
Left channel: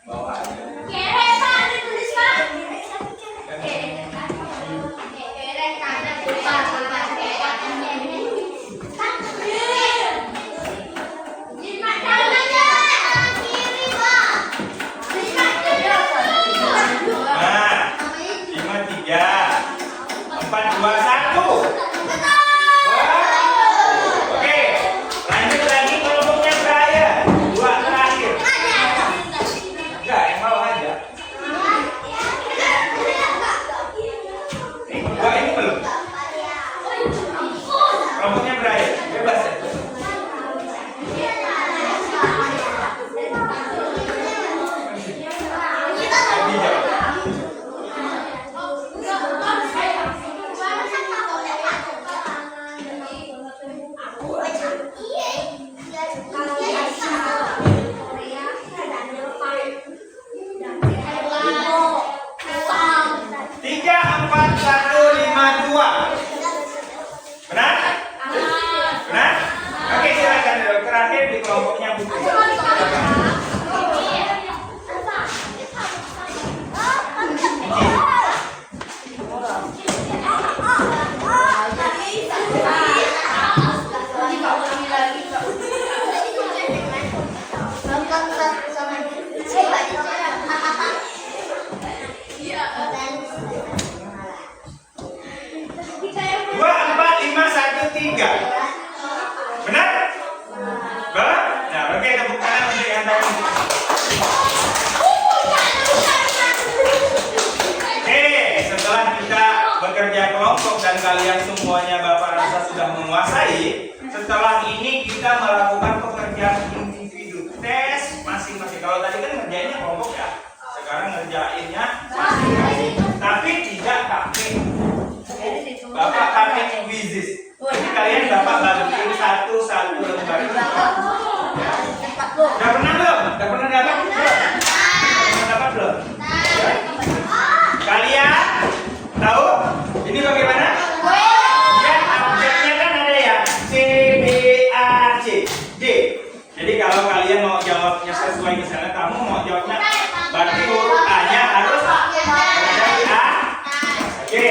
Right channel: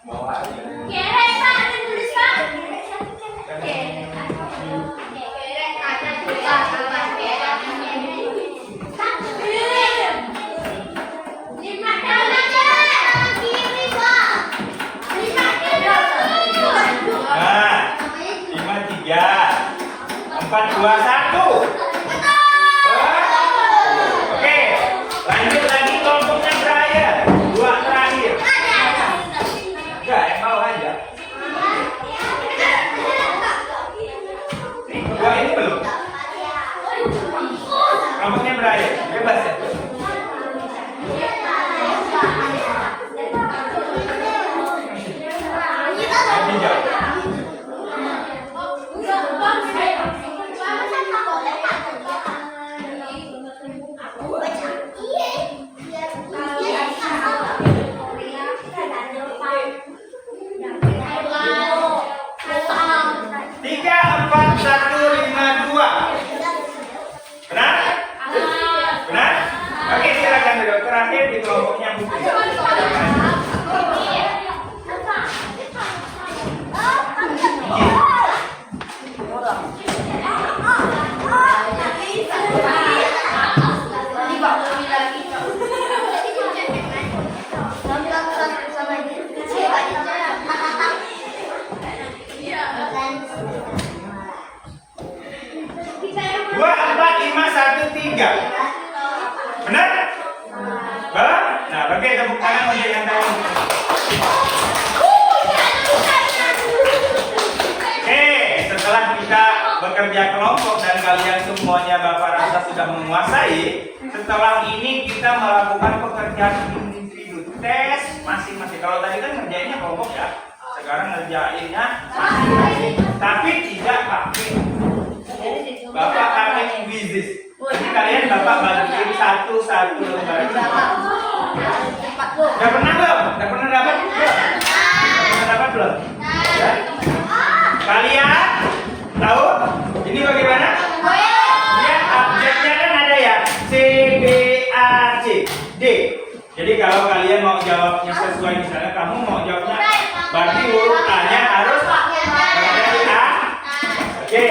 Bawa aja. Nah, 5, 3, 4, 2, 1. Oke, lanjut lagi kelompoknya Brian. 2 terakhir. Enggak, yang mau aja. Nih, 2 ini belum. Kelompoknya Brian, bebas ya. Lebih jauh. Tiga, 4, 1, 5, 2. Benar? Benar? Oke, silakan dulu. Terakhir di kelompoknya Putri. Dua, 4, 5, 1, 3. Benar? Benar? Nah, oke, tepuk tangan untuk yang tadi. Oke, setelah kita bekerja kelompok dan kalian semuanya Bapak rasa sudah menguasai, setelah ini kita melakukan pekerjaan individu, tes masing-masing. Kalau tadi kan ngerjainnya kelompok ya, sekarang ngerjainnya masing-masing, tapi tidak pakai. Bapak pakai quizzes. Jadi kalian Bapak bagiin satu-satu lembar. Udah pernah belum? Udah pernah dapat belum? Udah pernah dapat belum? Ya? Kalian tahu ini bagaimana? Ya, objeknya kan ada ya. C, B, A, C, D. Jadi kalau kalian mau jawabnya sesuai, misalnya kamu mau jawabnya, berarti huruf A-nya harus berarti A. Oke.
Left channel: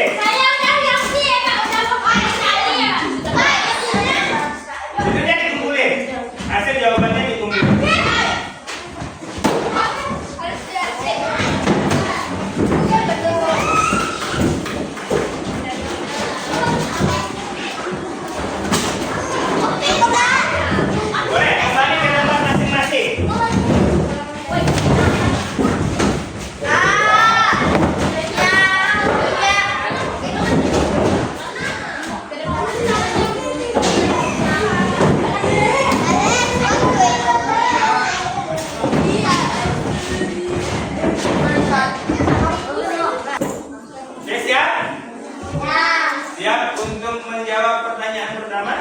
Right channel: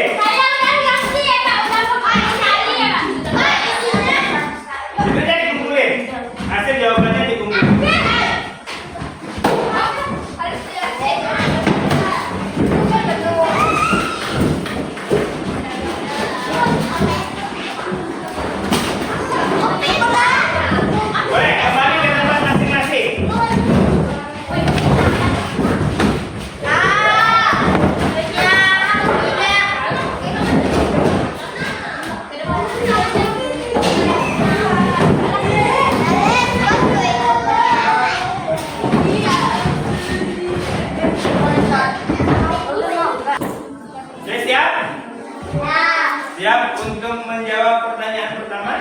Itu dikumpulin. Hasil jawabannya dikumpulin. Boleh kembali ke tempat masing-masing. Oke, siap? Siap untuk menjawab pertanyaan pertama?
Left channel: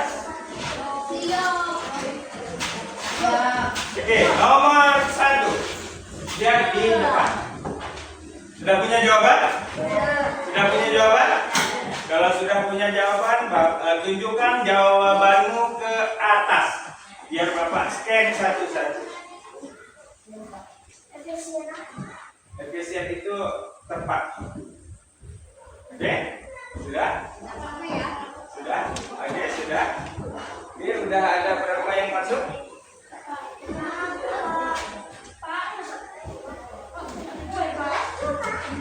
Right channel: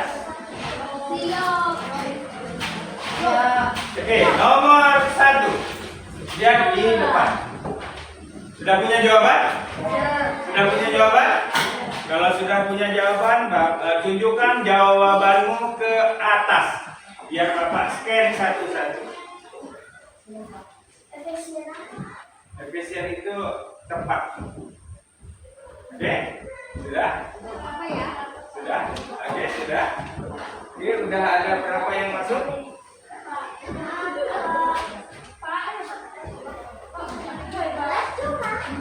Oke, nomor 1. Lihat di depan. Sudah punya jawaban? Sudah punya jawaban? Kalau sudah punya jawaban, tunjukkan jawabanmu ke atas. Biar Bapak scan satu-satu. Efisien itu tepat. Oke? Sudah? Apa ya? Sudah? Oke, sudah? Oke, udah ada berapa yang masuk?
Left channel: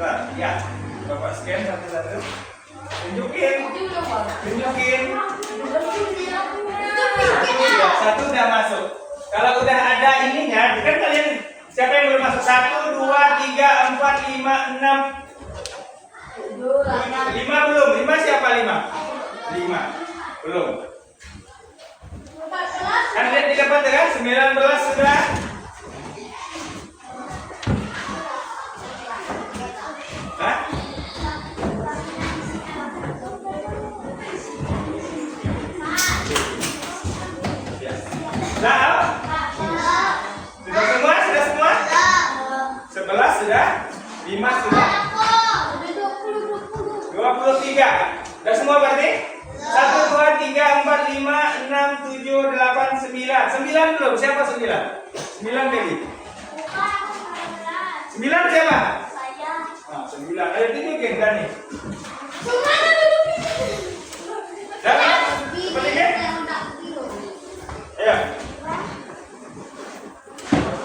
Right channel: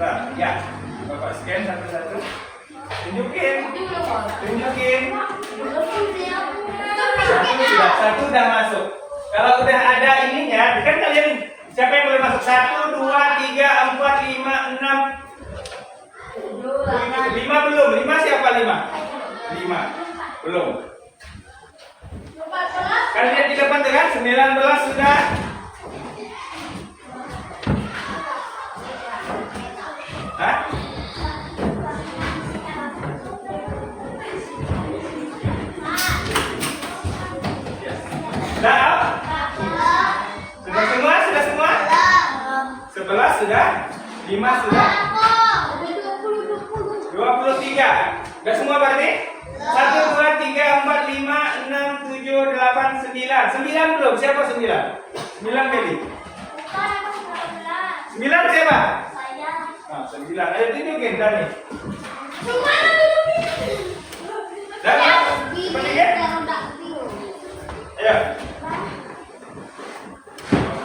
Bentar, ya. Bapak scan satu-satu. Tunjukin. Tunjukin. Satu udah masuk. Kalau udah ada ininya, kan kalian siapa yang belum masuk? 1, 2, 3, 4, 5, 6. 5 belum. 5 siapa 5? 5. Belum. Kan lihat di depan tuh kan? 19 sudah. Hah? Sudah? Sudah semua? Sudah semua? 11 sudah? 5 sudah? 23. Sudah semua berarti? 1, 2, 3, 4, 5, 6, 7, 8, 9. 9 belum? Siapa 9? 9 baby. 9 siapa? Nah, 9. Ayo tunjukin kan nih. Dapat? Seperti ini? Ayo.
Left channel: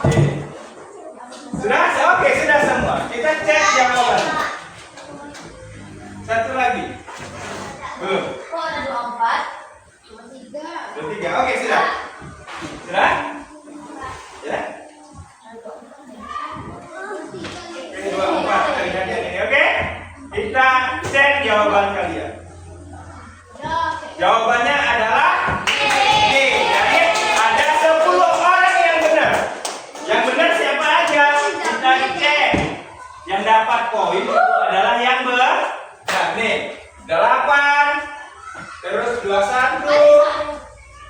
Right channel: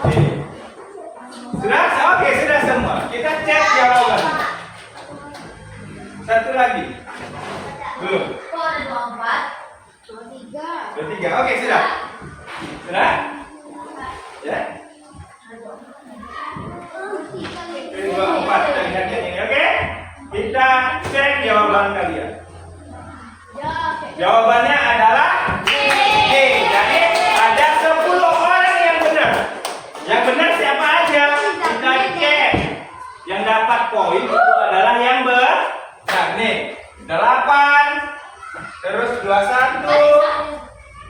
Oke. Sudah? Oke, sudah semua. Kita cek jawaban. Satu lagi. Belum. 23. Oke, sudah. Sudah? Ya? 24. Kita lihat yang ini, oke? Kita cek jawaban kalian. Jawabannya adalah D. Jadi ada 10 orang yang benar. Yang benar siapa aja? Kita cek. Yang dapat poin itu adalah yang benar. Nih, 8. Terus 21.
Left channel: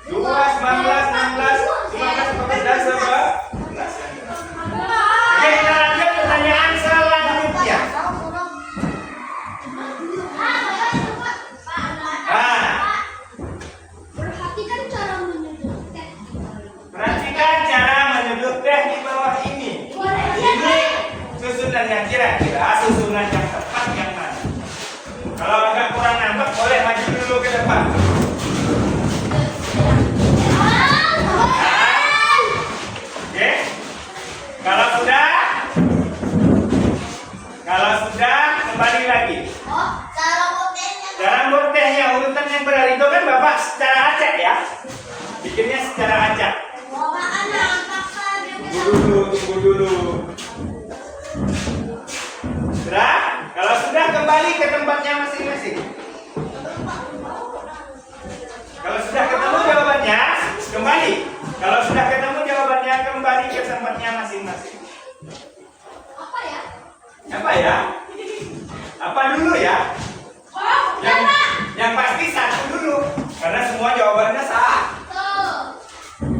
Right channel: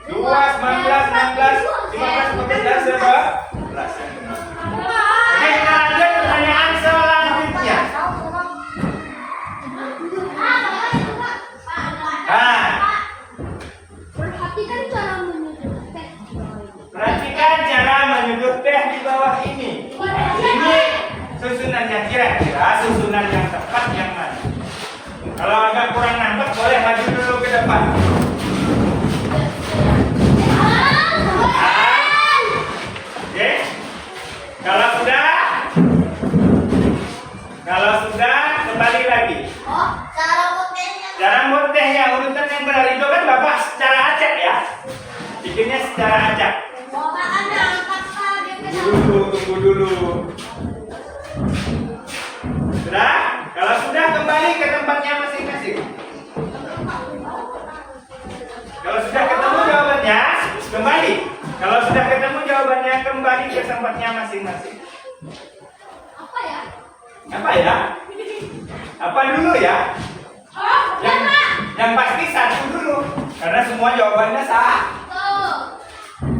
2, 19, 16, 15, 16, 11. Oke, kita lanjut pertanyaan selanjutnya. Nah, Perhatikan cara menyudut teh. perhatikan cara menyudut teh di bawah ini. Ini susunannya kira-kira susunan yang tepat yang mana? Kalau agak kurang nangkep boleh maju dulu ke depan. Oke. Kalau sudah kembali lagi. Cara buat tehnya urutan yang benar itu kan Bapak secara acak ya. Bikinnya secara acak. Tunggu dulu. Sudah? Kalau sudah kembali ke tempatnya masing-masing. Kalau sudah ketemu jawabannya, kembali. Kalau sudah ketemu jawabannya, kembali ke tempatnya masing-masing. Apa ya? Apa dulu ya? Yang pasti satu dulu. Karena semua jawabannya sah.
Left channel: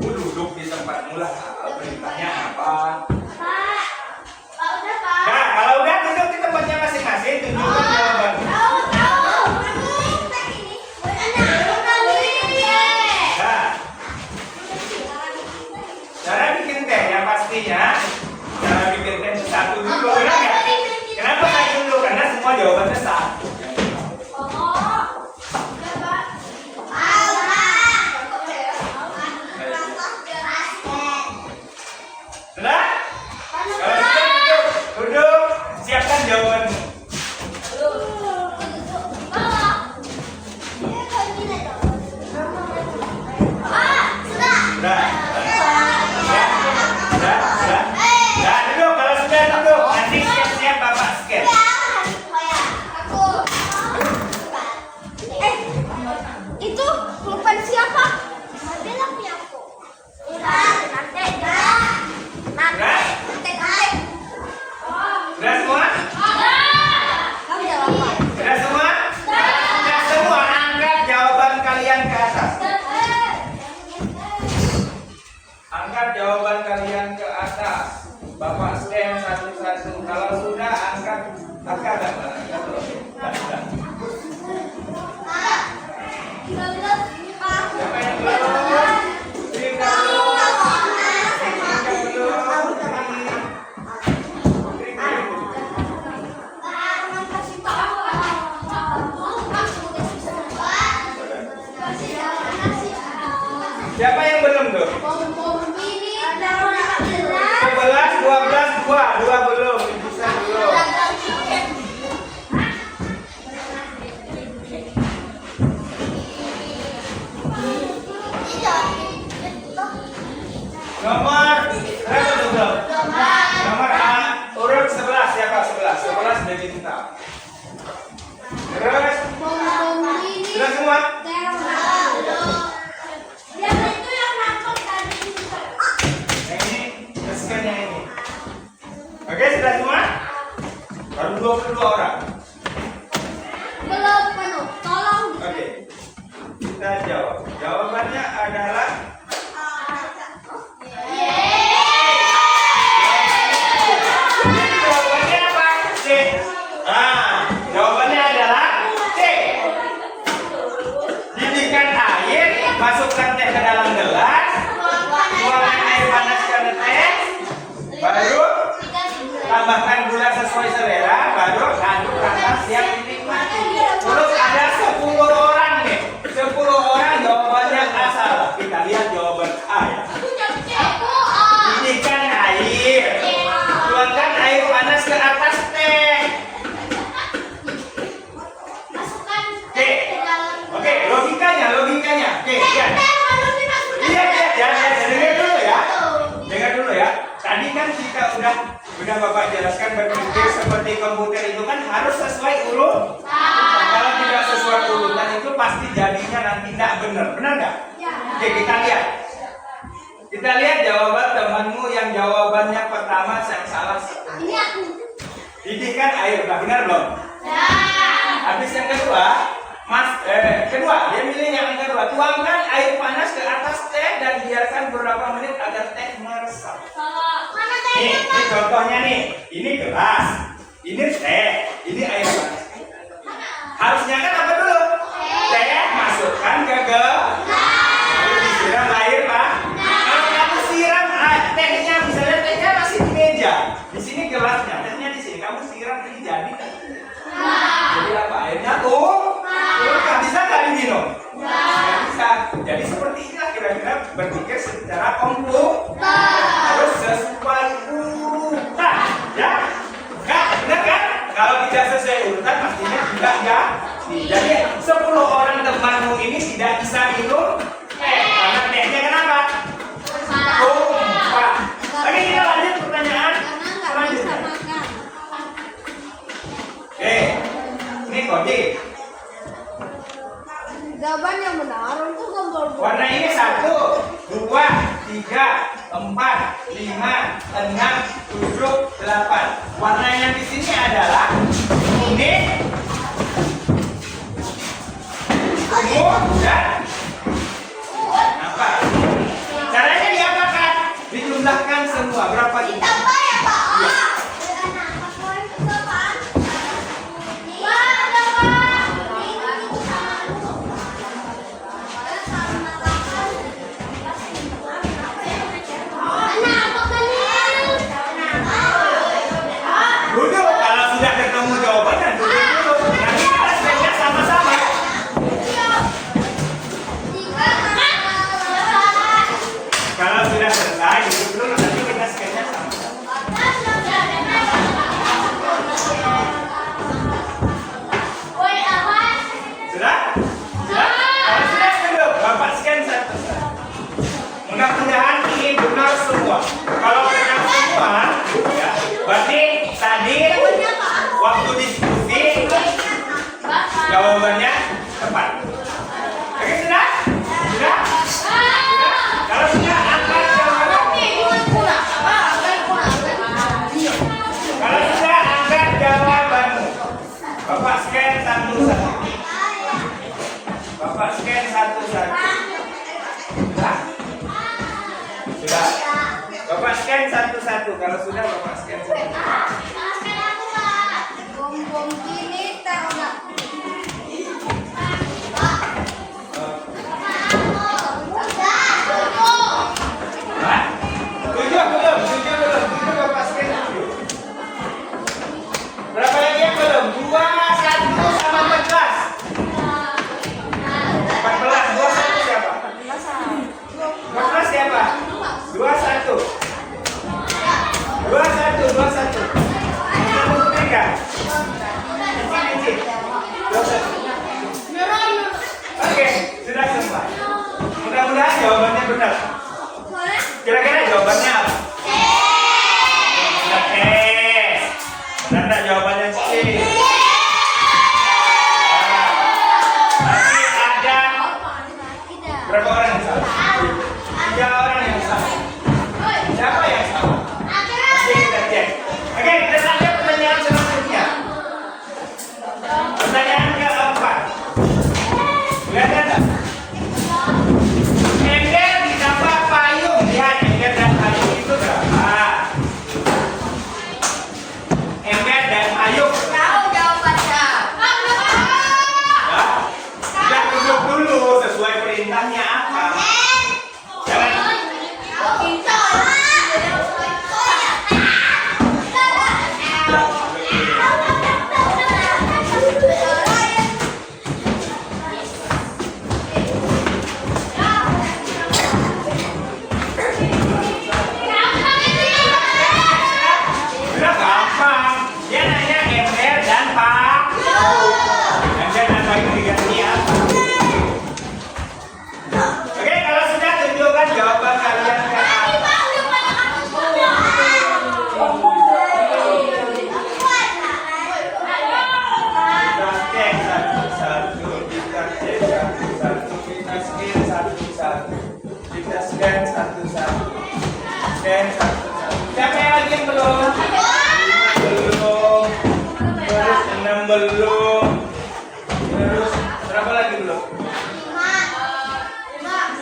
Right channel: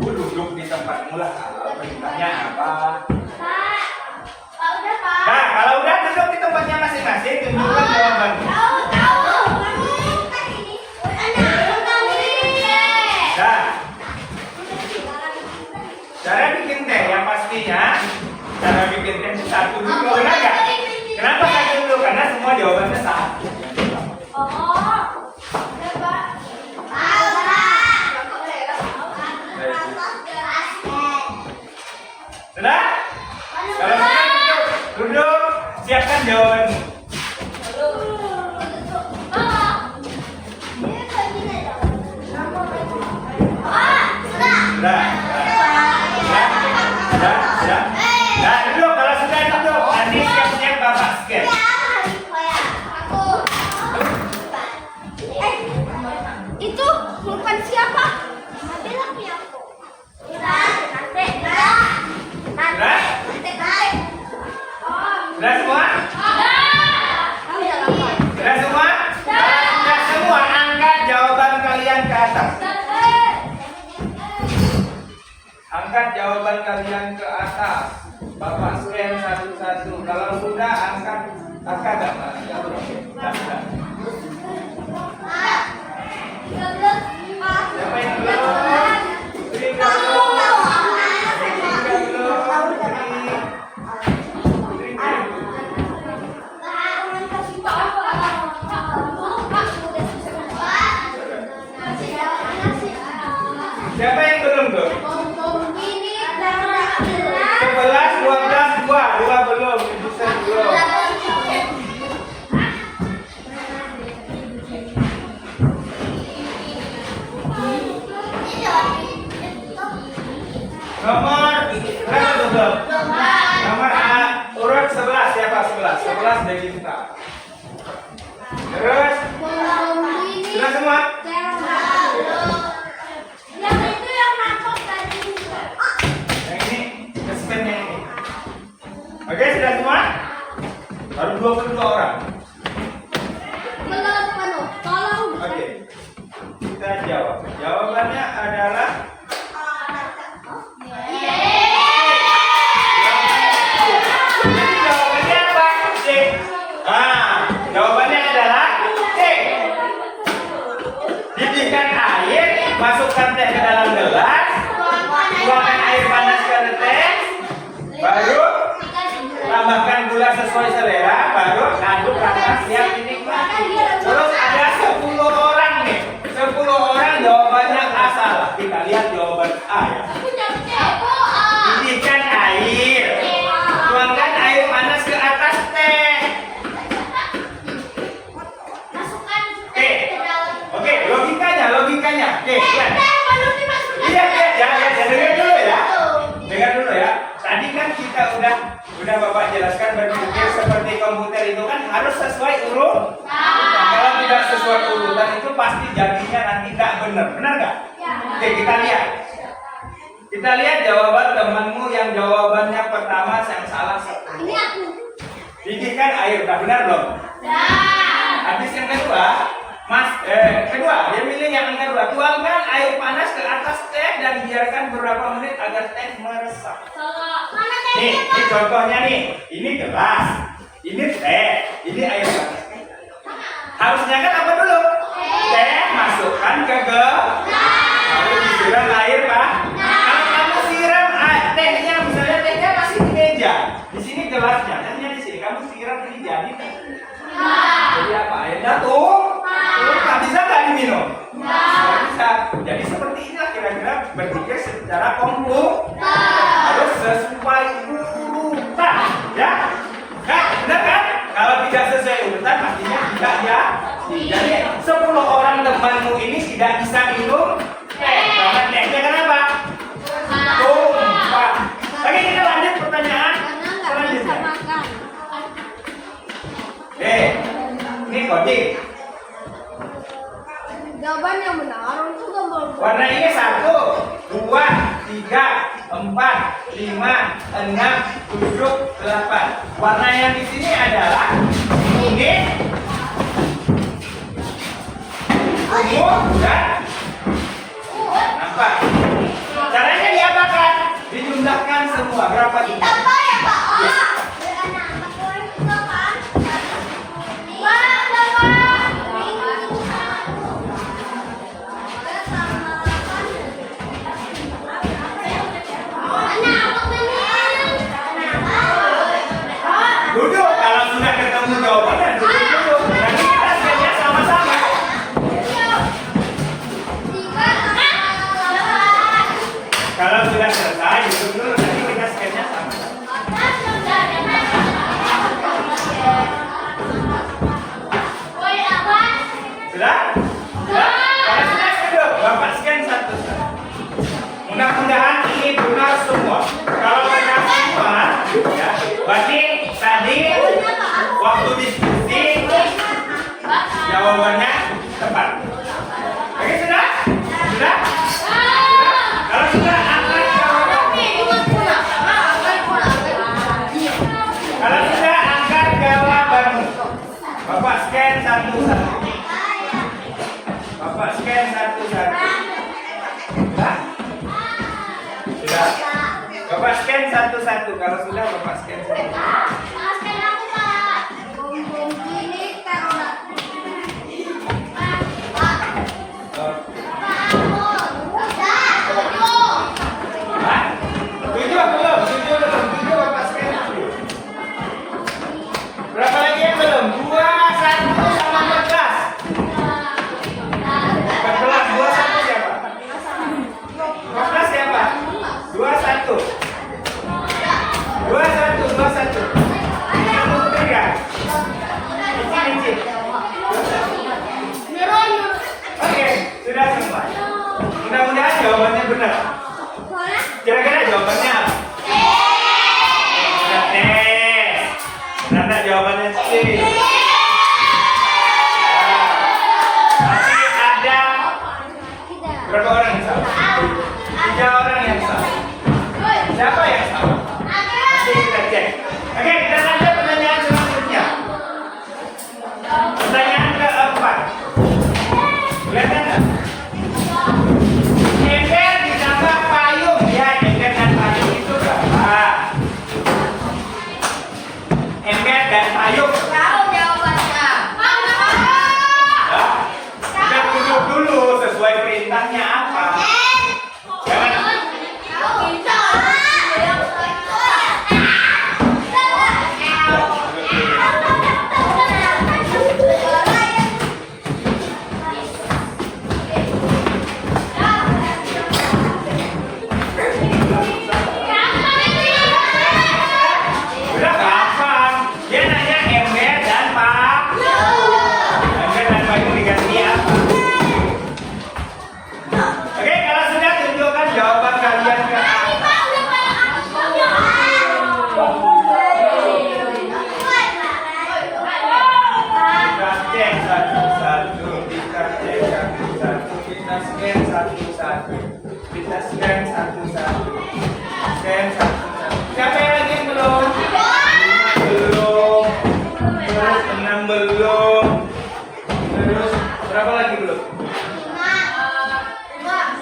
Duduk di tempatmu lah. Perintahnya apa? Nah, kalau udah duduk di tempatnya masing-masing, tunjukkan jawabannya. Nah, cara bikin teh yang pastinya, cara bikin teh itu satu dulu, benar nggak? Kenapa satu dulu? Karena semua jawabannya sah. Sudah? Kalau sudah duduk, siapkan jawabannya. Sudah, duduk. Kalau sudah duduk, nanti siap-siap Bapak scan. Itu pulpen siapa? Sudah semua? Sudah semua? Sudah semua, angkat jawaban kalian ke atas. Angkat jawaban kalian ke atas. Bapak scan satu-satu. Kalau sudah, angkat agak mana? Sudah. Siapa yang belum? Sudah semua? Yang itu yang nangkep tadi. Yang ini, scan yang ini. Oke, sudah semua? Baru 22 orang. Belum penuh. Tolong. Oke. Kita jawab. Jawabannya adalah jadi jawabannya apa? C. Jawabannya adalah C. Didihkan air, masukkan teh ke dalam gelas, tuangkan air panas ke teh, baru tambahkan gula sesuai selera, baru aduk rata siap dinikmati. Terus ada 10 orang nih, 10 orang jawabannya A salah. Kita lihat jawaban A ya. Didihkan air, tuangkan air panas ke atas teh. Oke, logikanya. Oke, lihat. Lihat, dengar dulu ya. Dengar dulu ya. Tadi kan kita udah Bapak jelaskan berpikir seperti komputer itu kan harus sesuai urut. Kalau tidak sesuai urutan itu pasti jadinya nanti tidak benar. Benar nggak? Oke, kita lihat. Kita lihat jawaban temanmu yang jawabannya pertama yang salah satu. Ini aku. Didihkan air, udah benar belum? Habis yang kedua, kedua, dia milih yang kedua. Tuangkan air panas ke atas teh dan biarkan beberapa menit agar teh meresap. Nih, ini contohnya nih. Ini gelas, ini teh, ini air panas. Harusnya kan apa dulu? Teh masukkan ke gelas, lalu disiram air pak. Kalau kamu siram tehnya, misalnya tehnya masih di meja, di sini gelasnya, tehnya di sini. Kamu siram ini jadi kan? Jadi apa? Airnya tuh nggak bisa nggak diminum? Nggak bisa. Jadi seperti inilah kira-kira berpikir secara komputer harus sesuai urutan, ya? Nah, benar kan? Kalau tidak sesuai urutan pastinya tidak ya. Jadi 10 orang temanmu ini tidak bisa minum teh karena tehnya kenapa? Tumpah. Oke, kita lanjut pertanyaan selanjutnya. Oke, ini kode. Jawaban yang benar untuk gambar. Warna ini 1, 2, 3, 4, 5, 6, 7, 8. Warna yang di sini adalah kuning, ungu, dan apa? Caranya diapakan? Dijumlahkan semua. Berapa ini? Ditambah ya Pak. Ya. Duduk, kalau sudah ketemu jawabannya duduk dulu. Nanti kita scan-nya sama-sama. Kalau sudah selesai, duduk dulu. Nanti kita scan-nya sama-sama. Sudah? Sudah? Kalau sudah duduk, Bapak scan satu. Mudah-mudahan ini benar semua. Kalau benar semua, ya, berarti tadi waktu diskusi jawabannya tepat. Oke, sudah? Sudah? Kalau sudah angkat jawabannya. Kalau sudah angkat jawabanmu. Bapak scan satu-satu. Bapak scan satu-satu. Sudah? Sudah? Bapak scan satu-satu. Kalau sudah Bapak scan satu-satu. Tujuh Bapak scan dulu. Berapa lagi yang belum? 2, 1 sama 14. 14, 21 siapa? 14 siapa? 21. 21. Kamu betul ya? Berapa orang yang salah? 3 orang yang salah. Siapa yang salah? Oke, kita cek. Oke, kita lanjut pertanyaan selanjutnya. Pertanyaan keempat. Lihat enggak? Ember ditambah payung. Ya, ember dan payung itu berapa? Ember dan payung. Tahu jawabannya. Nah, kita duduk dulu sesuai perintahnya apa. Jangan udah gampang. Dia nanya ember dan payung. Ember dan payung diganti apa? Oke, kalau sudah tunjukkan jawaban kalian ke apa. Kita cek satu-satu, kita cek satu-satu, kita scan satu-satu, kita scan satu-satu, scan satu-satu. Siapa yang lagi belum? 5 belum, terus 6 belum, terus berapa lagi belum?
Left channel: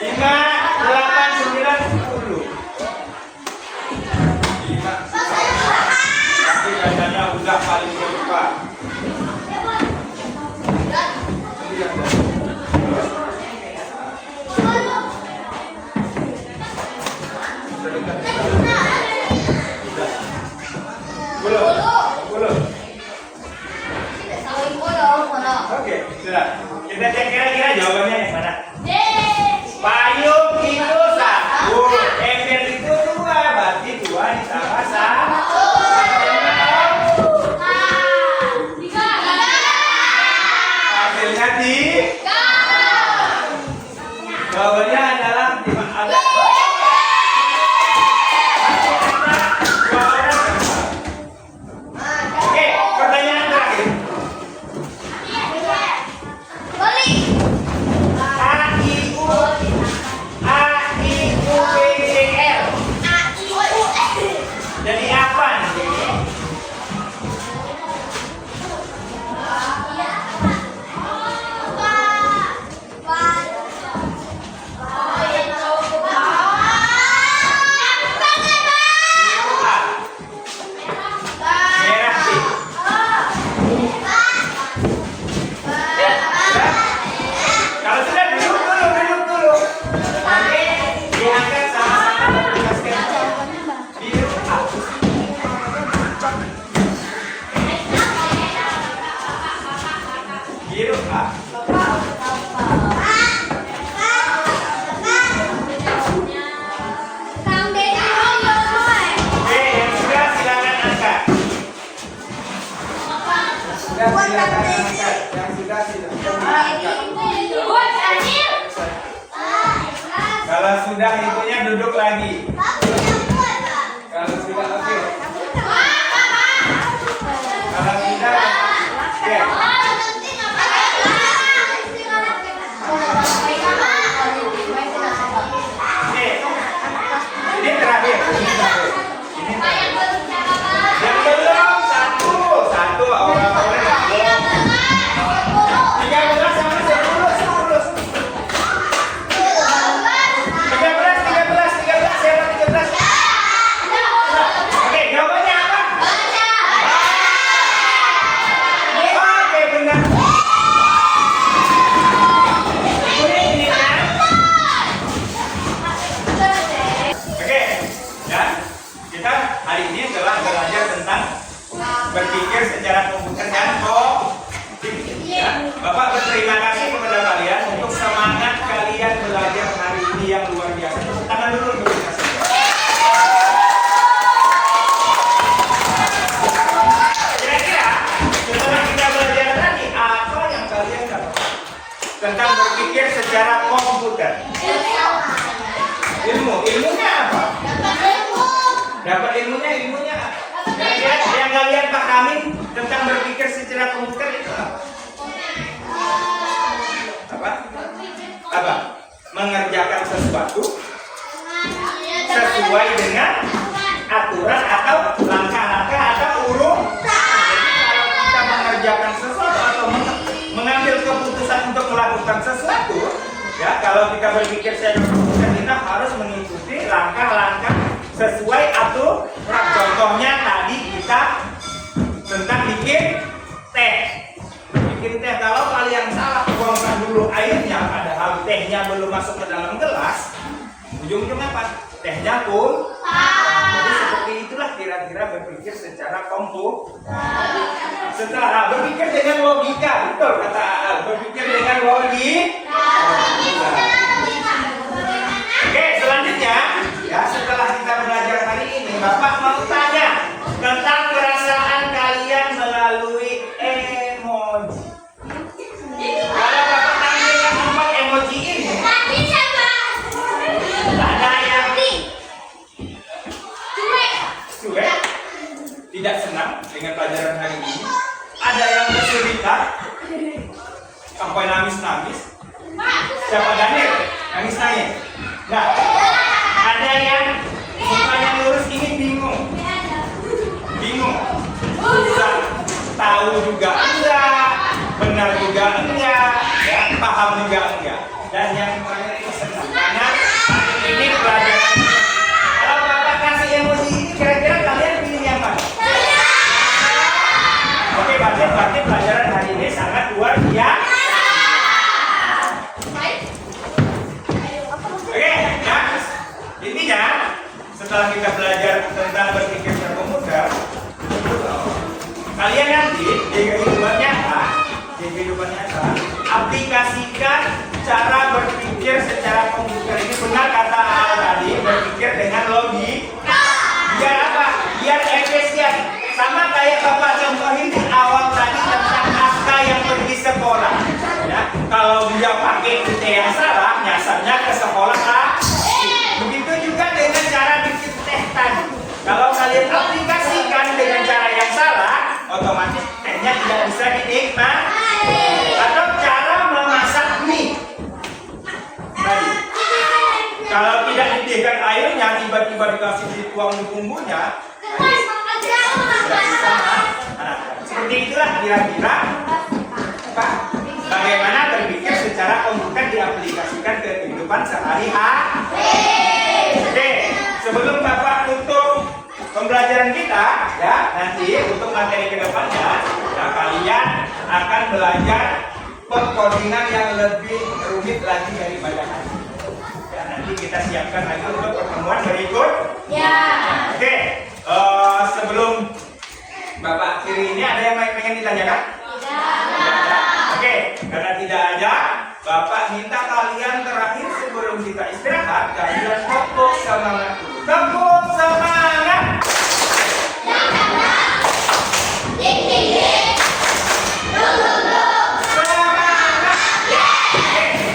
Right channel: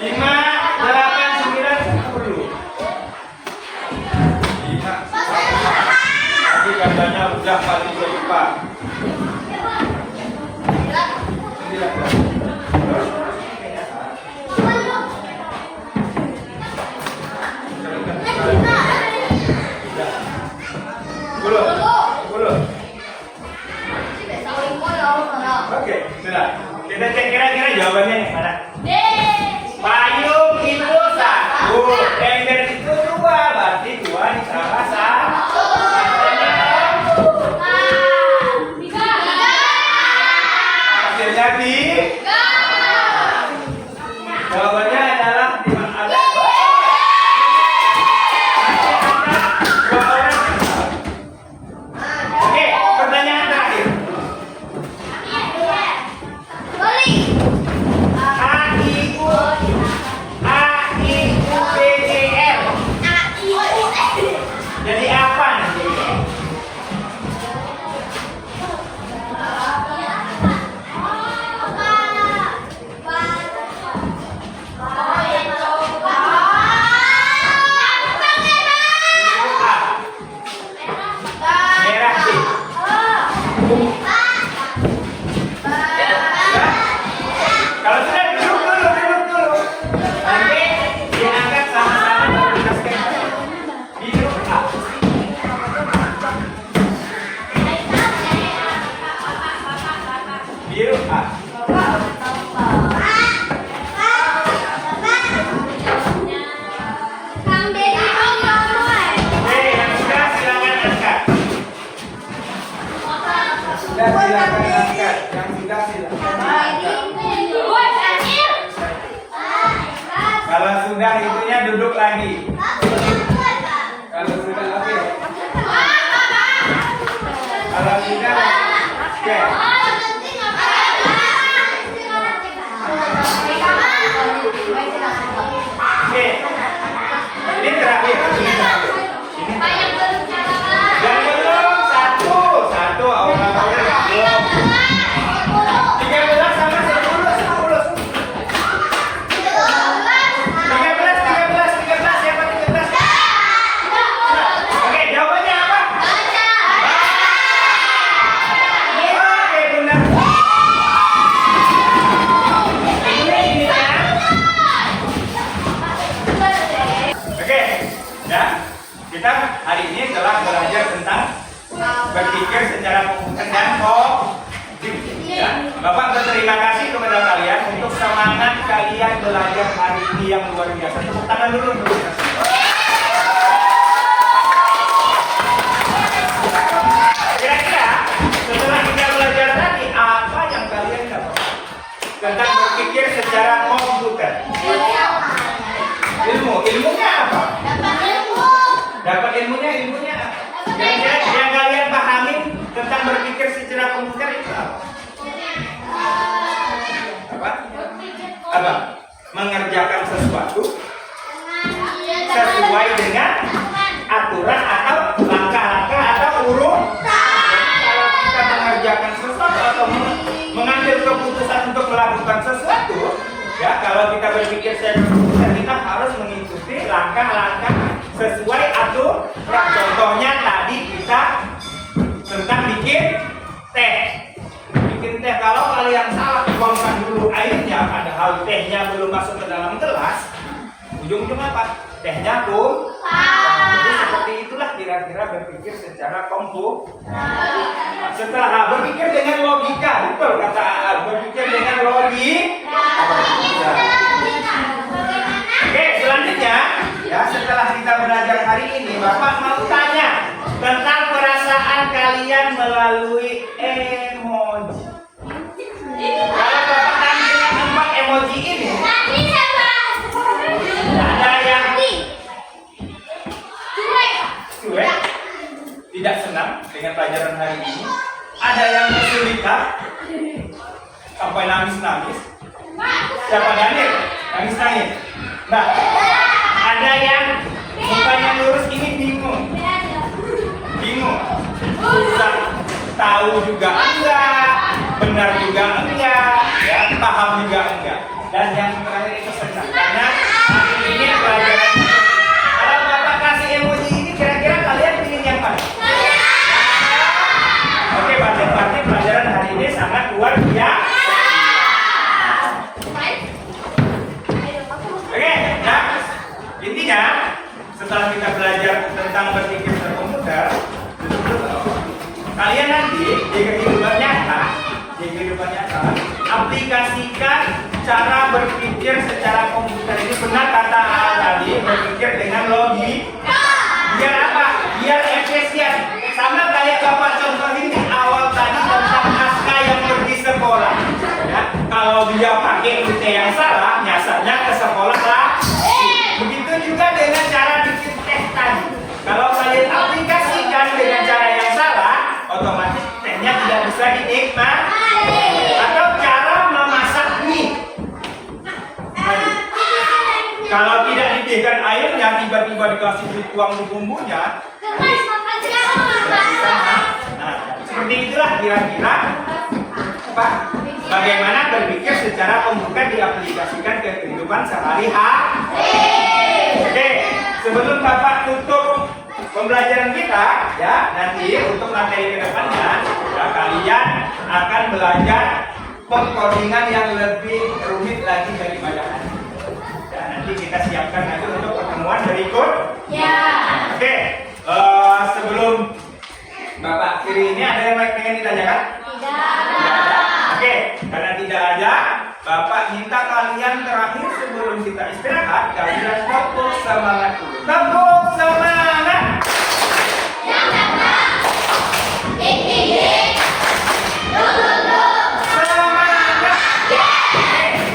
5, 8, 9, 10. 5. Tapi katanya udah paling cepat. Oke, sudah. Kita cek kira-kira jawabannya yang mana? Payung itu 1, ember itu 2, berarti 2 ditambah 1. Hasilnya di jawabannya adalah ada 2 orang. Oke, pertanyaan terakhir. AIUPJR. Jadi apa nanti? Merah sih. Kalau sudah duduk dulu. Nanti diangkat sama-sama menuliskan biru A. Biru A. Oke, yang sudah silakan angkat. Sudah silakan angkat. Yang sudah silakan angkat. Kalau sudah itunya duduk lagi. Kalau sudah oke. Kalau sudah oke. Oke. Ini terakhir. Ini terakhir. Yang belum satu orang-orang belum. 13 sama 10. 13 siapa 13? Oke, jawabannya apa? Oke, benar. Ini ya. Oke, ya. Kita hari ini telah belajar tentang berpikir secara komputer dan kognitif. Ya. Bapak berterima kasih kepada kalian untuk semangat kalian belajar hari ini yang luar biasa. Tepuk tangan dulu untuk kita semua. Kira-kira setelah kita belajar tadi, apa yang kalian dapat tentang berpikir secara komputer? Ilmunya apa? Dapat ilmunya apa? Yang kalian pahamin tentang berpikir secara komputer itu apa? Apa? Mengerjakan melakukan sesuatu, ya kalau kita berpikir secara komputer, kita harus mengikuti langkah-langkah sesuai aturan. Contohnya tadi kita tentang bikin teh. Bikin teh, kalau kalian salah tuangkan dulu airnya, padahal tehnya belum masuk ke dalam gelas, ujung-ujungnya apa? Tehnya jadi seperti itulah kira-kira berpikir secara komputer. Setelah berpikir dengan logika, betul kata Al, berpikir dengan logika. Oke, selanjutnya ya, setelah kita belajar hari ini, Bapak mau tanya tentang perasaan kalian melalui emoji. Kalau Bapak tampilkan 4 emoji ini, ada yang cuek, tidak senang dengan pelajaran hari ini, ada yang kesulitan sampai nangis-nangis. Siapa Daniel? Nangis-nangis. Nah, ada yang mukanya lurus ini bingung, susah, tahu juga enggak, benar juga enggak, ya, paham juga enggak. Dan yang terakhir itu senang, karena ini pelajaran. Kalau Bapak kasih emoji ini, kira-kira kalian pilih yang mana? Oke, berarti pelajaran hari ini sangat luar biasa. Oke, ya. Intinya setelah kita belajar tentang berpikir berkomputer, kalian nanti di kehidupan nyata, aplikasikan cara berpikir secara komputer. Ini benar kata Al tadi, berpikir dengan logika. Biar apa? Biar efisien. Sama kayak Bapak contohin di awal tadi tentang Aska yang pergi sekolah. Ya, kalau dia pakai rute yang salah, nyasarnya ke sekolah lagi. Begitu juga dengan cara bikin teh tadi. Kalau kalian aplikasikan dengan cara yang salah, otomatis tehnya tidak bisa dinikmati. Atau cara memasak mie. Kalau tidak didihkan airnya, tiba-tiba dikasih dituang di bumbunya, seperti itulah kira-kira bagaimana berpikir secara komputer diaplikasikan ke kehidupan sehari-hari. Oke, sebelum Bapak tutup pembelajaran kita, ya, nanti untuk materi kedepannya, ya, kalian akan belajar pengkodingan yang lebih rumit lagi daripada hari ini. Ya, nanti kita siapkan lagi untuk pertemuan berikut. Ya. Oke, sebelum Bapak akhiri ini, ada yang pengen ditanyakan? Tidak ada. Oke, karena tidak ada, Bapak minta kalian terakhir sebelum kita istirahat, kalian tepuk semangat dulu. Tepuk semangat. Semangat.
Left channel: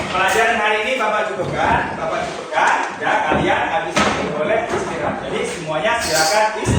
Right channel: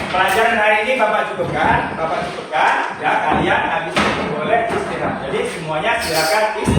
Pelajaran hari ini Bapak cukupkan. Ya, kalian habis ini boleh istirahat. Jadi semuanya silakan istirahat.